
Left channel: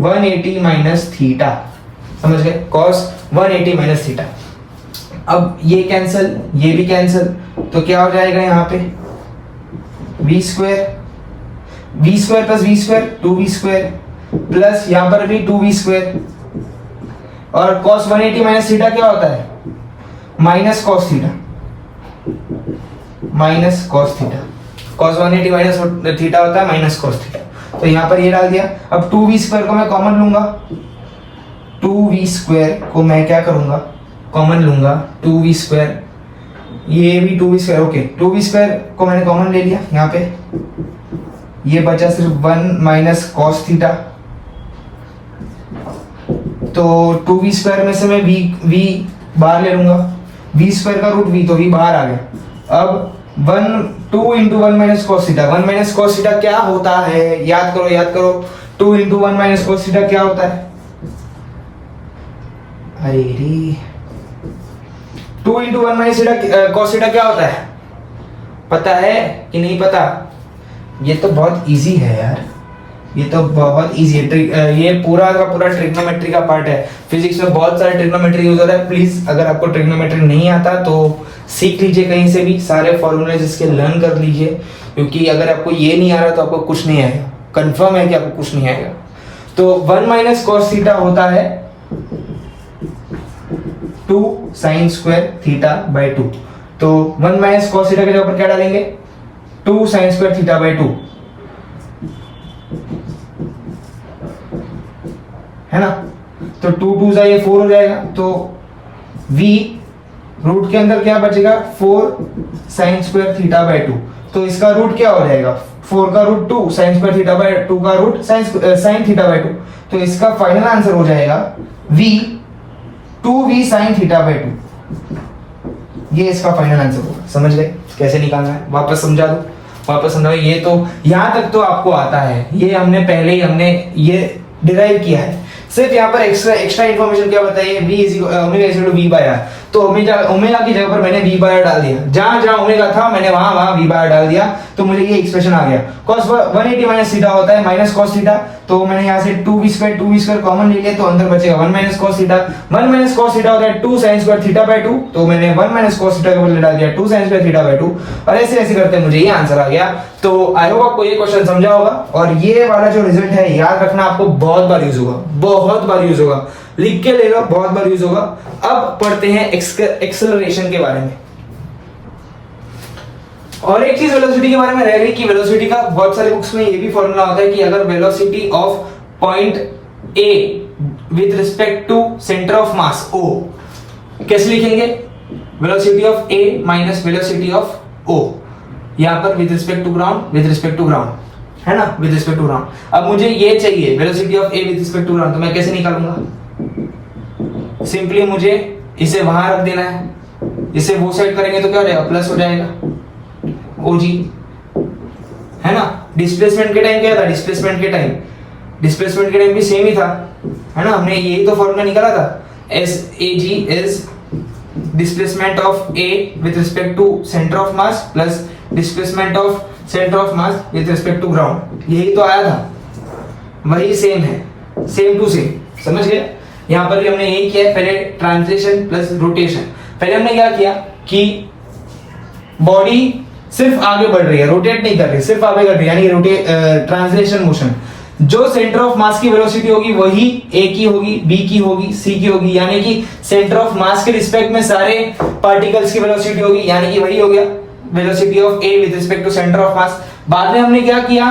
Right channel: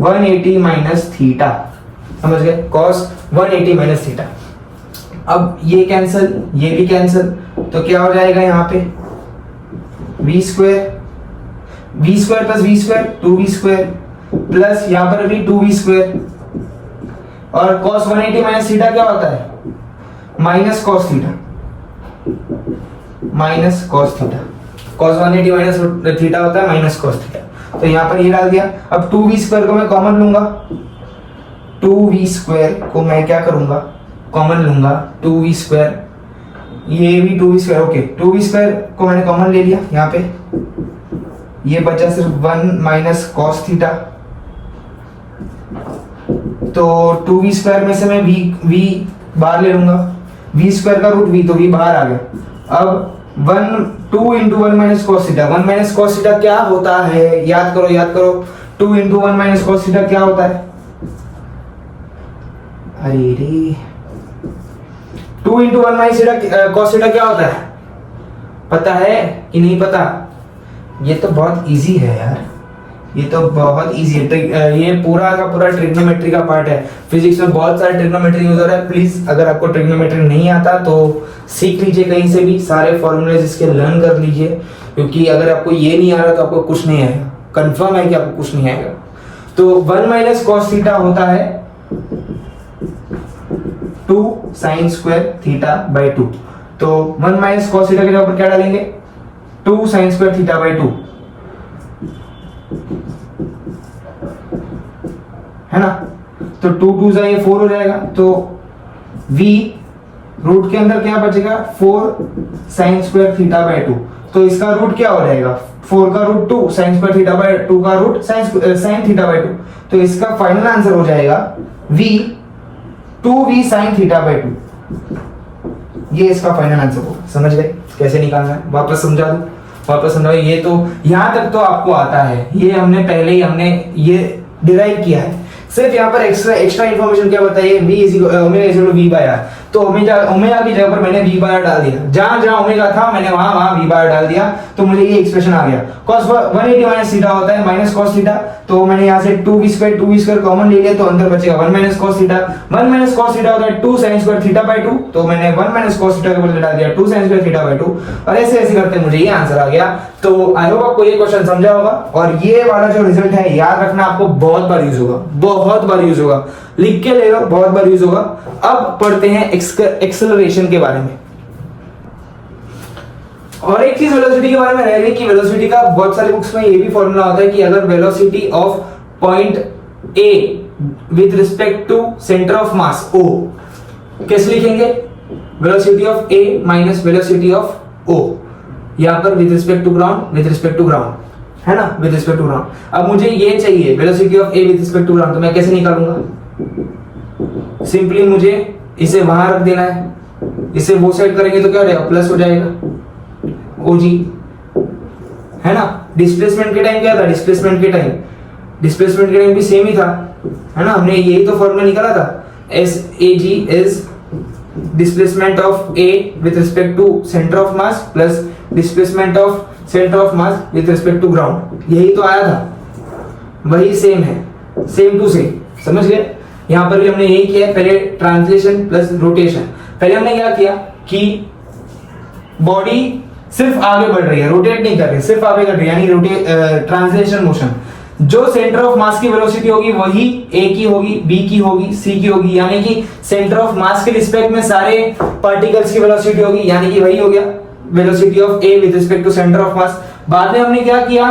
180 minus theta, समझ गए? cos 180 minus theta. अब ये कैंसिल, ये भी कैंसिल, तो क्या हो जाएगा यहाँ पे? v square plus v square 2v square plus यहाँ पर भी 2v स्क्वायर, और cos 180 माइनस थीटा क्या होता है? Minus cos theta, cos 180 minus theta होता है माइनस cos थीटा। तो यहाँ पर ये डाल दिया। अब 2v स्क्वायर को मैं कॉमन लूंगा, 2v स्क्वायर को मैं क्या करूंगा? कॉमन लूंगा, 2v स्क्वायर, ये भी 2v square, okay 2v square को मैंने कॉमन ले लिया यहाँ पे, ये बचा सिर्फ 1 माइनस cos थीटा। तो 2v स्क्वायर में से मैं v बाहर ले लूंगा, v स्क्वायर का रूट v, तो v बाहर आ गया। अब 2 into 1 minus cos theta, 1 minus cos theta क्या होता है? याद करो 2 इंटू 1 माइनस cos थीटा क्या होता है? अरे रे, 2 इंटू 1 माइनस cos थीटा क्या होता है? पता है कि नहीं पता? ये तो बहुत इजी है यार, ये तो बहुत इजी है। ये पूरा का पूरा ट्रिग्नोमेट्री का पार्ट है। फिजिक्स में बहुत सारे ट्रिग्नोमेट्री यूज हो रहा है। प्लीज अगर आपको ट्रिग्नोमेट्री नहीं आता तो सीख लीजिए कहीं से भी, सारे फॉर्मूलेज इसके लर्न कर लीजिए, क्योंकि अगर आपको ये नहीं आ रहा तो आपको कुछ नहीं आएगा, कंफर्म है कि आपको कुछ नहीं आएगा। तो 1 माइनस cos थीटा होता है 2 sin स्क्वायर थीटा बाय 2। तो 1 माइनस cos थीटा के जगह पर क्या डालेंगे? 2 sin स्क्वायर थीटा बाय 2, है ना? तो 2 2 जा ये 4 हो जाएगा, तो v रूट के अंदर क्या बचेगा? 4 sin स्क्वायर थीटा बाय 2। तो इसका रूट क्या हो जाएगा? 4 का root 2, sin square theta by 2 का रूट sin थीटा बाय 2। तो इसका फाइनल आंसर हो जाएगा v 2v sin theta by 2। ये इसका फाइनल आंसर होगा। समझ गए कैसे निकालना है? वापस समझा दूं, वापस समझाओ। ये तो यहां तक तो आपको आता है, ये हमने पहले ही ये डिराइव किया है। सिर्फ यहाँ पर एक्स्ट्रा इन्फॉर्मेशन क्या बताइए? v by R. तो ओमेगा की जगह पर मैंने v बाय आर डाल दिया, जहां ओमेगा था मैंने वहां v बाय आर डाल दिया, तो मुझे ये एक्सप्रेशन आ गया। cos 180 माइनस थीटा होता है माइनस cos थीटा, तो मैंने यहाँ से 2v स्क्वायर कॉमन ले लिया, तो अंदर बचेगा 1 minus cos theta. 1 minus cos theta होता है 2 sin स्क्वायर थीटा बाय 2, तो मैंने 1 माइनस cos थीटा के बदले डाल दिया 2 sin स्क्वायर थीटा बाय 2, और ऐसे करते मुझे ये आंसर आ गया। तो आई होप आपको ये क्वेश्चन समझा होगा, और ये वाला जो रिजल्ट है याद रखना, आपको बहुत बार यूज होगा, लिख के ले लो, बहुत बार यूज होगा। अब पढ़ते हैं एक्सेलरेशन के बारे में। और एक चीज वेलोसिटी के बारे में रह गई कि वेलोसिटी का बहुत सारे बुक्स में ये भी फॉर्मूला होता है कि अगर velocity of point A with respect to centre of mass O, कैसे लिखेंगे? Velocity of A minus velocity of O, यहां पर विद रिस्पेक्ट टू ग्राउंड, है ना? With respect to ground. अब मुझे ये चाहिए velocity of A with respect to ground, तो मैं कैसे निकालूंगा? सिंपली मुझे इसे वहां रख देना है, इसे वो साइड करेंगे तो क्या हो जाएगा? प्लस हो जाएगा OG, है ना? डिस्प्लेसमेंट के टाइम क्या था? डिस्प्लेसमेंट के टाइम भी सेम ही था, है ना? हमने यही तो फॉर्मूला निकाला था, SAG is displacement of A with respect to centre of mass plus displacement of centre of mass with respect to ground. यही तो आया था, वही सेम है, सेम टू सेम। समझ गए? यहां पर भी हमने यही किया है, पहले ट्रांसलेशन प्लस रोटेशन। पहले हमने क्या किया कि बॉडी सिर्फ आगे बढ़ रही है, रोटेट नहीं कर रही, सिर्फ आगे बढ़ रही है, यानी ट्रांसलेशन मोशन। जो सेंटर ऑफ मास की वेलोसिटी होगी वही ए की होगी, बी की होगी, सी की होगी, यानी कि सेंटर ऑफ मास के रिस्पेक्ट में सारे पार्टिकल्स की वेलोसिटी होगी, यानी कि वही हो गया velocity of A with respect to centre of mass. बाद में हमने क्या किया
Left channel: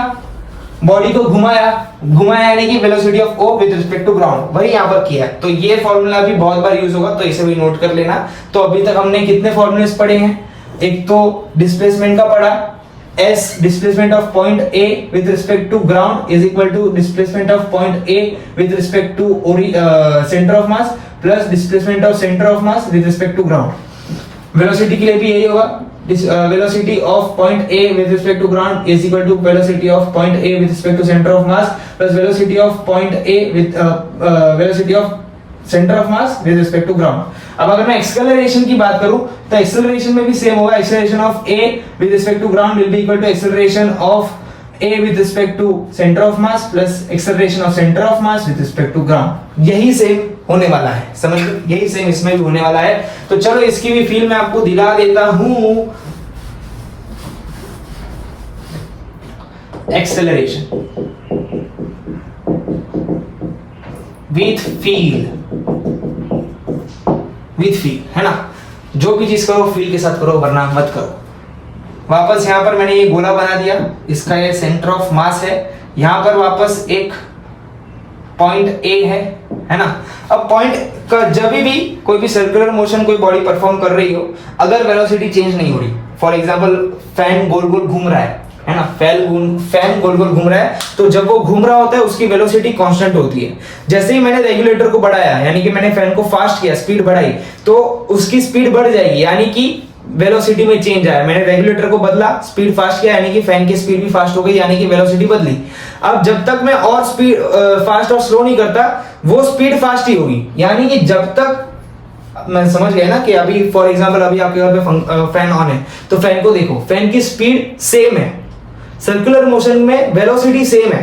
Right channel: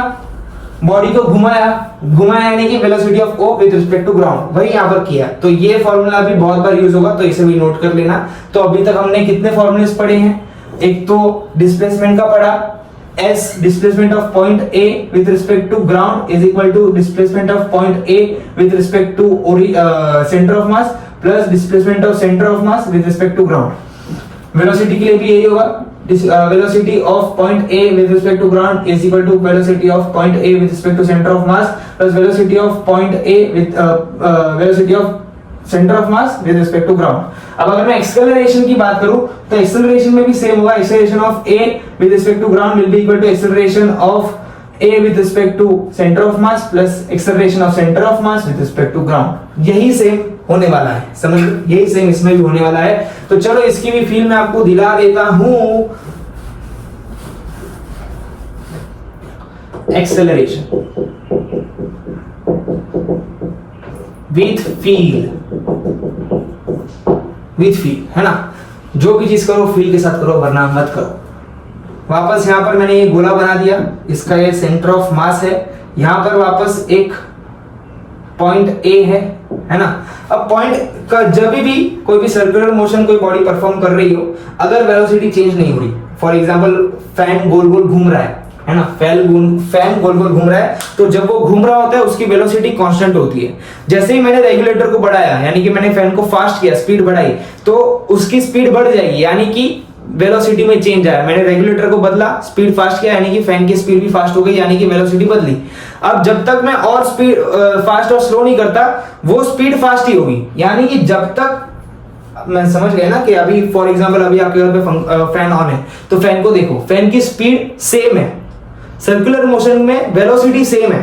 बॉडी को घुमाया, घुमाया यानी कि velocity of O with respect to ground, वही यहाँ पर किया। तो ये फॉर्मूला भी बहुत बार यूज होगा, तो इसे भी नोट कर लेना। तो अभी तक हमने कितने फॉर्मूलेस पढ़े हैं? एक तो डिस्प्लेसमेंट का पढ़ा, S displacement of point A with respect to ground is equal to displacement of point A with respect to center of mass plus displacement of center of mass with respect to ground। velocity के लिए भी यही होगा, velocity of point A with respect to ground is equal to velocity of point A with respect to center of mass plus velocity of point A with velocity of center of mass with respect to ground। अब अगर मैं acceleration की बात करूं तो acceleration में भी same होगा, acceleration of A with respect to ground will be equal to acceleration of A with respect to center of mass plus acceleration of center of mass with respect to ground। यही same होने वाला है, समझ लो, यही same इसमें भी होने वाला है। तो चलो इसकी भी फील मैं आपको दिला देता हूं। Acceleration with feel, with feel है ना, जो भी चीज करो फील के साथ करो, वरना मत करो। वापस यहाँ पर मैंने ये गोला बना दिया, इसका ये सेंटर ऑफ मास है, यहाँ पर वापस एक पॉइंट ए है ना। अब पॉइंट का जब भी कोई भी सर्कुलर मोशन कोई बॉडी परफॉर्म कर रही हो, अगर वेलोसिटी चेंज नहीं हो रही, फॉर एग्जांपल फैन गोल गोल घूम रहा है ना, फैन गोल गोल घूम रहा है, तो जब वो घूम रहा होता है उसकी वेलोसिटी कांस्टेंट होती है। जैसे ही मैंने रेगुलेटर को बढ़ाया, यानी कि मैंने फैन को फास्ट किया, स्पीड बढ़ाई, तो उसकी स्पीड बढ़ जाएगी, यानी कि वेलोसिटी में चेंज आया। मैंने रेगुलेटर को बदला, स्पीड फास्ट किया, यानी कि फैन की स्पीड भी फास्ट हो गई, यानी कि वेलोसिटी बदली। अब जब तक मैं और स्पीड फास्ट और स्लो नहीं करता, वो स्पीड फास्ट ही होगी, यानी कि जब तक मैं समझ गया ना कि अभी फॉर एग्जांपल अभी आपके घर पे फैन ऑन है, तो फैन को देखो, फैन की स्पीड सेम है, सर्कुलर मोशन में वेलोसिटी सेम है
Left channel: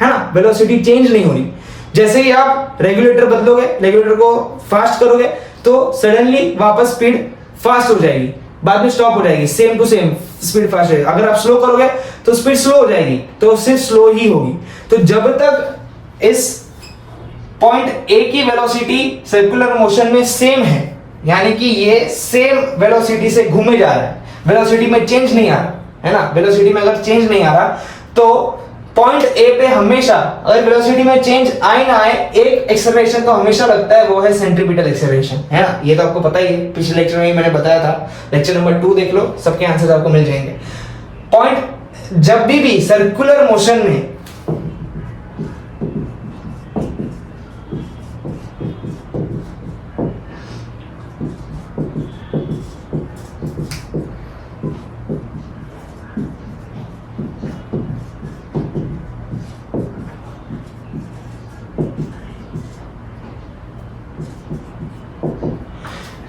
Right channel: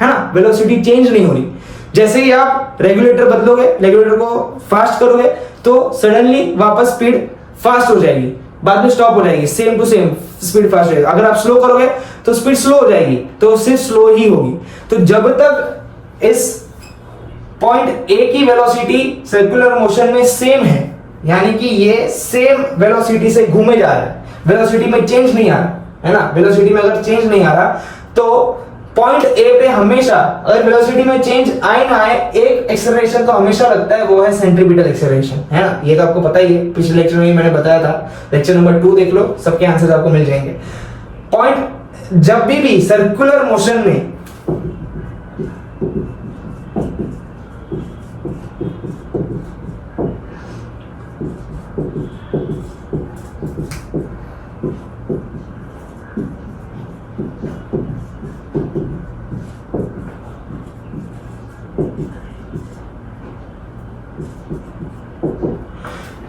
ना, वेलोसिटी चेंज नहीं हो रही। जैसे ही आप रेगुलेटर बदलोगे, रेगुलेटर को फास्ट करोगे, तो सडनली वापस स्पीड फास्ट हो जाएगी, बाद में स्टॉप हो जाएगी, same to same speed fast रहेगी। अगर आप स्लो करोगे तो स्पीड स्लो हो जाएगी, तो सिर्फ स्लो ही होगी। तो जब तक इस पॉइंट ए की वेलोसिटी सर्कुलर मोशन में सेम है, यानी कि ये सेम वेलोसिटी से घूमे जा रहा है, वेलोसिटी में चेंज नहीं आ रहा है ना, वेलोसिटी में अगर चेंज नहीं आ रहा, तो पॉइंट ए पे हमेशा, अगर वेलोसिटी में चेंज आए ना आए, एक एक्सेलरेशन तो हमेशा लगता है, वो है सेंट्रीपिटल एक्सेलरेशन, है ना। ये तो आपको पता ही है, पिछले लेक्चर में मैंने बताया था, लेक्चर नंबर 2 देख लो, सबके आंसर्स आपको मिल जाएंगे। पॉइंट जब भी सर्कुलर मोशन में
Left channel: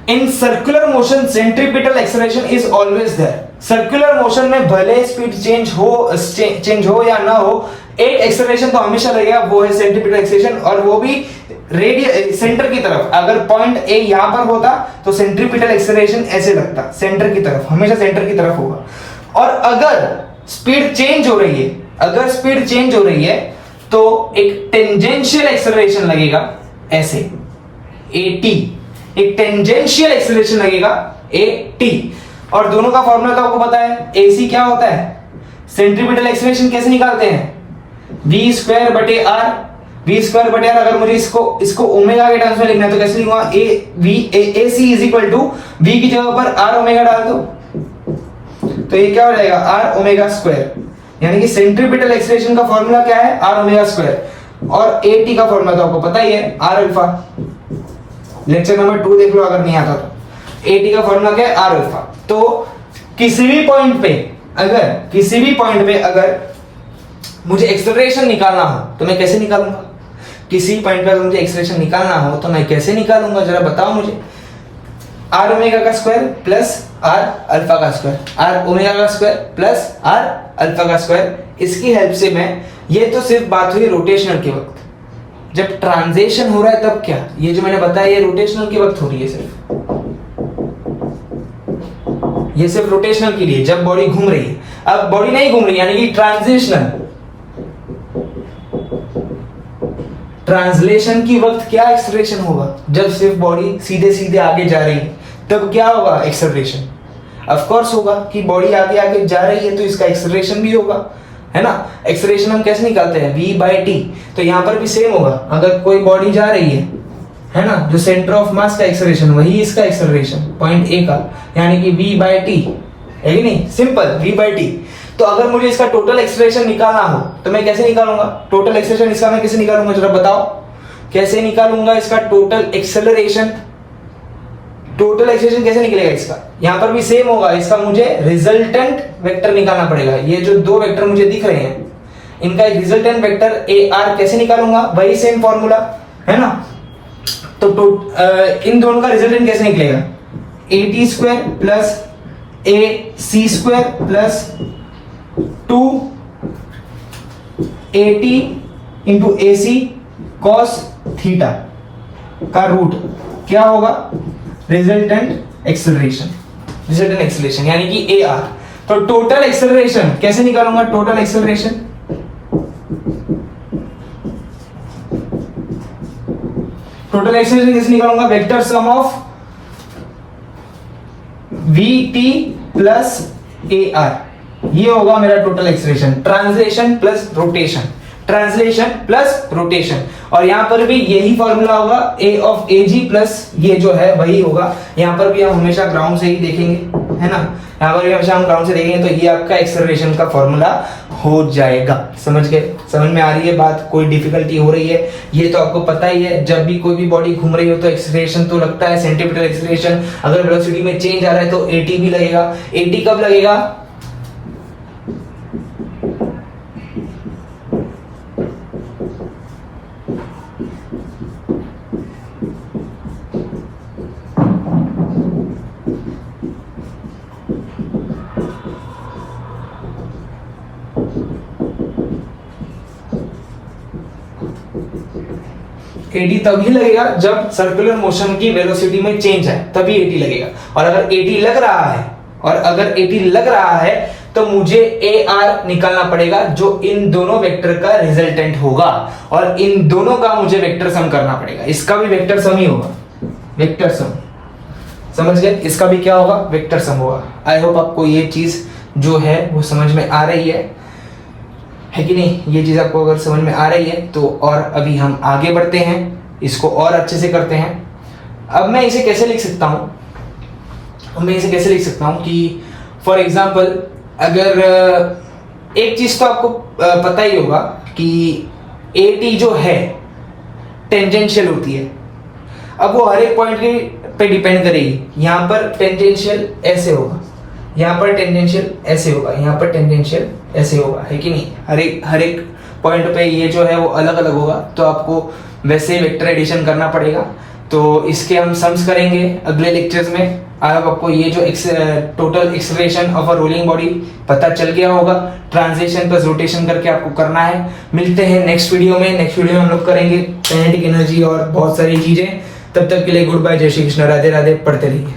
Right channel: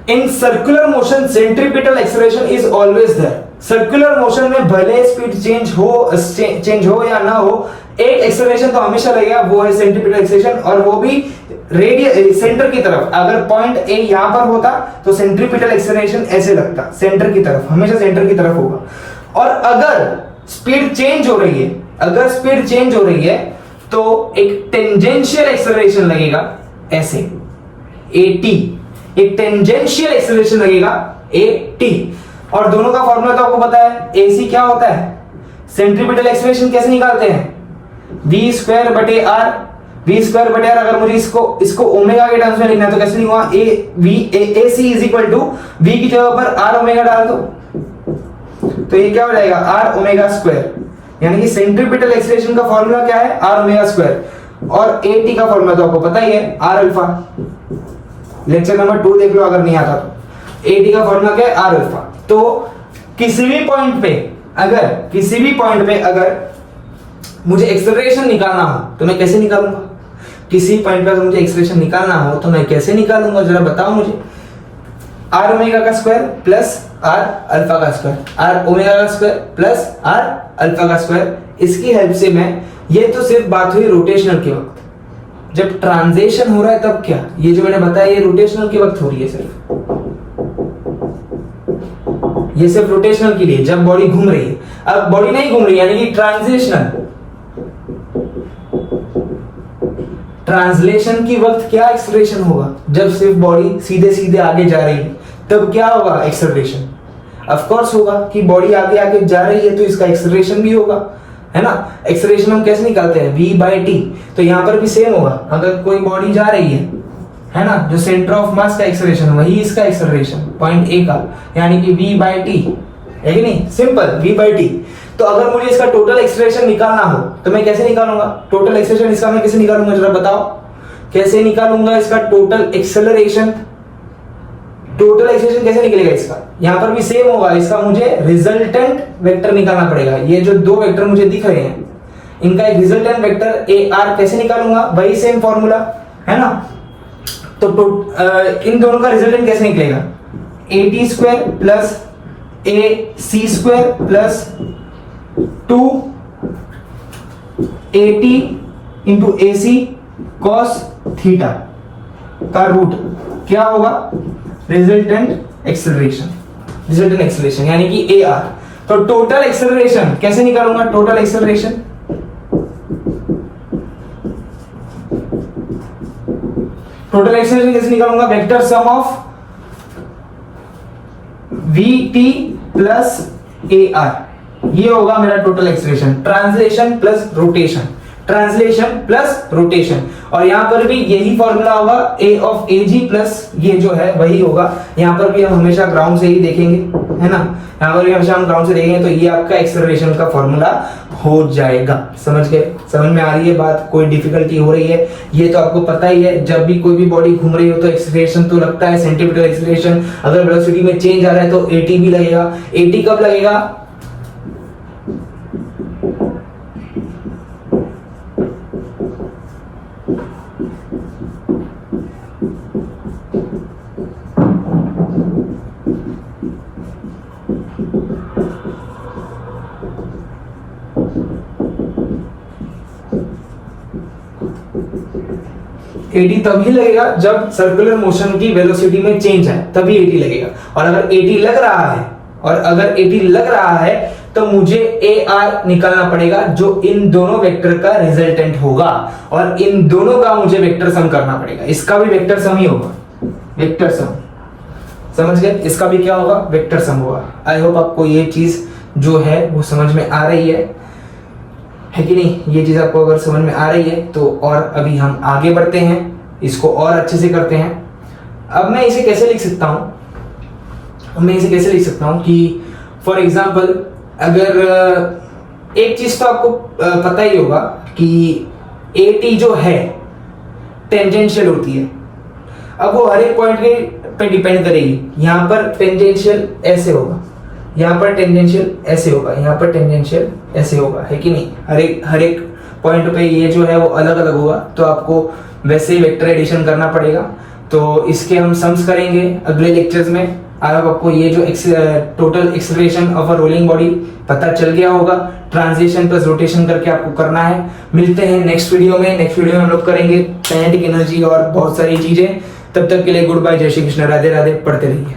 in circular motion centripetal acceleration is always there. Circular motion में भले स्पीड चेंज हो या ना हो, एक एक्सेलरेशन तो हमेशा लगेगा, वो है सेंट्रीपिटल एक्सेलरेशन, और वो भी रेडियल सेंटर की तरफ। अगर पॉइंट ए यहां पर होता तो सेंट्रीपिटल एक्सेलरेशन ऐसे लगता, सेंटर की तरफ, हमेशा सेंटर की तरफ होगा। और अगर स्पीड चेंज हो रही है, अगर स्पीड चेंज हो रही है, तो एक टेंजेंशियल एक्सेलरेशन लगेगा ऐसे, AT, एक टेंजेंशियल एक्सेलरेशन लगेगा AT। और दोनों का फॉर्मूला तो आपको पता है, AC क्या होता है, सेंट्रीपिटल एक्सेलरेशन कैसे निकालते हैं, v स्क्वायर बटे r। v स्क्वायर बटे r, अगर मुझे इसको ओमेगा के टर्म्स में लिखना है तो कैसे लिखूंगा, AC is equal to v की जगह पर r ओमेगा डाल दो, तो ये क्या हो जाएगा, r ओमेगा स्क्वायर, यानी कि सेंट्रीपिटल एक्सेलरेशन का फॉर्मूला क्या है, r ओमेगा स्क्वायर। और AT का फॉर्मूला तो आपको पता ही है, r अल्फा। लेक्चर नंबर 2 देख लो अगर नहीं आता तो। AT का फॉर्मूला क्या है, r अल्फा। तो किसी भी पॉइंट पे अगर मुझे एक्सेलरेशन निकालना हो तो मैं कैसे निकालूंगा, किसी पॉइंट पर मुझे एक्सेलरेशन निकालना हो तो मैं कैसे निकालूंगा, जरा बताओ मुझे। r ओमेगा का स्क्वायर प्लस r अल्फा का स्क्वायर, r ओमेगा का स्क्वायर प्लस r अल्फा का स्क्वायर, इसकी हेल्प से मैं, ये तो सिर्फ बात हुई रोटेशनल के वक्त, जब ट्रांजिशन हो रहा है तब क्या, ये जो मैंने बताया ये रोटेशनल के वक्त हो रही है सिर्फ, ये सिर्फ रोटेशनल के लिए, जब बॉडी घूम रही है। अब बॉडी नहीं घूम रही, यानी कि ट्रांसलेशन की वक्त क्या एक्सेलरेशन होगा, जब सिर्फ बॉडी सीधे सीधे आगे जा रही है, तब क्या होगा, एक्सेलरेशन। ऑफ कोर्स होगा कि बॉडी आगे आगे जा रही है तो इसका एक्सेलरेशन भी होगा। है ना। एक्सेलरेशन हम कैसे निकालते हैं, v/t। तो यहाँ पर भी सेम होगा, अगर कोई बॉडी जा रही है ना, जो सेंटर ऑफ मास का एक्सेलरेशन वही इसका एक्सेलरेशन पॉइंट ए का, यानी कि v/t है कि नहीं, सिंपल v/t। तो अगर मुझे इसका टोटल एक्सेलरेशन निकालना हो तो मैं कैसे निकालूंगा, टोटल एक्सेलरेशन इसका मैं कैसे निकालूंगा, जरा बताओ कैसे निकालूंगा इसका टोटल एक्सेलरेशन। टोटल एक्सेलरेशन कैसे निकलेगा इसका, यहां पर भी सेम होगा, इसका मुझे रिजल्टेंट वेक्टर निकालना पड़ेगा। ये जो दो वेक्टर मुझे दिख रहे हैं इनका एक रिजल्टेंट वेक्टर AR कैसे निकालूंगा, वही सेम फॉर्मूला है ना। तो इन दोनों का रिजल्टेंट कैसे निकलेगा, AT² plus AC² plus 2AT into AC cos theta का रूट क्या होगा, रिजल्टेंट एक्सेलरेशन यानी कि AR। तो टोटल एक्सेलरेशन कैसे निकालूंगा, टोटल एक्सेलरेशन कैसे निकालूंगा, vector sum of VT plus AR, ये होगा मेरा total acceleration. Translation plus rotation, और यहां पर भी यही फॉर्मूला होगा, A ऑफ AG प्लस ये जो है वही होगा। यहां पर भी हम हमेशा ग्राउंड से ही देखेंगे, है ना, यहां पर भी हमेशा हम ग्राउंड से देखेंगे, तो ये आपका एक्सेलरेशन का फॉर्मूला हो जाएगा। समझ गए, समझ में आ रही है बात, कोई डिफिकल्टी हो रही है, ये तो आपको पता ही है, जब भी कोई भी बॉडी घूम रही हो तो एक्सेलरेशन तो लगता है, सेंटीमीटर एक्सेलरेशन। अगर वेलोसिटी में चेंज आ रहा है तो AT भी लगेगा। AT कब लगेगा, AT तभी लगेगा जब सर्कुलर मोशन की वेलोसिटी में चेंज है, तभी AT लगेगा। और अगर AT लग रहा है तो मुझे AR निकालना पड़ेगा, जो इन दोनों वेक्टर का रिजल्टेंट होगा, और इन दोनों का मुझे वेक्टर सम करना पड़ेगा। इसका भी वेक्टर सम ही होगा, वेक्टर सम, समझ गए, इसका भी क्या होगा, वेक्टर सम होगा। आई होप आपको ये चीज जो है वो समझ में आ रही है कि नहीं। ये चीज आपको अगर समझ में आ रही है तो, और अभी हम आगे बढ़ते हैं, इसको और अच्छे से करते हैं। अब मैं इसे कैसे लिख सकता हूं, कि फॉर एग्जाम्पल अगर एक चीज तो आपको पता ही होगा कि AT जो है टेंजेंशियल होती है। अब वो हर एक पॉइंट पे डिपेंड करेगी, यहां पर टेंजेंशियल ऐसे होगा, यहाँ पर टेंजेंशियल ऐसे होगा, यहाँ पर टेंजेंशियल ऐसे होगा, है कि नहीं। हर एक पॉइंट पे ये जो है वो अलग अलग होगा, तो आपको वैसे ही वेक्टर एडिशन करना पड़ेगा। तो इसके हम सम्स करेंगे अगले लेक्चर्स में। आपको ये जो total acceleration of a rolling body पता चल गया होगा, ट्रांजिशन प्लस रोटेशन करके आपको करना है। मिलते हैं नेक्स्ट वीडियो में हम लोग करेंगे काइनेटिक एनर्जी और बहुत सारी चीजें। तब तक के लिए गुड बाय, जय श्री कृष्ण, राधे राधे, पढ़ते रहिए।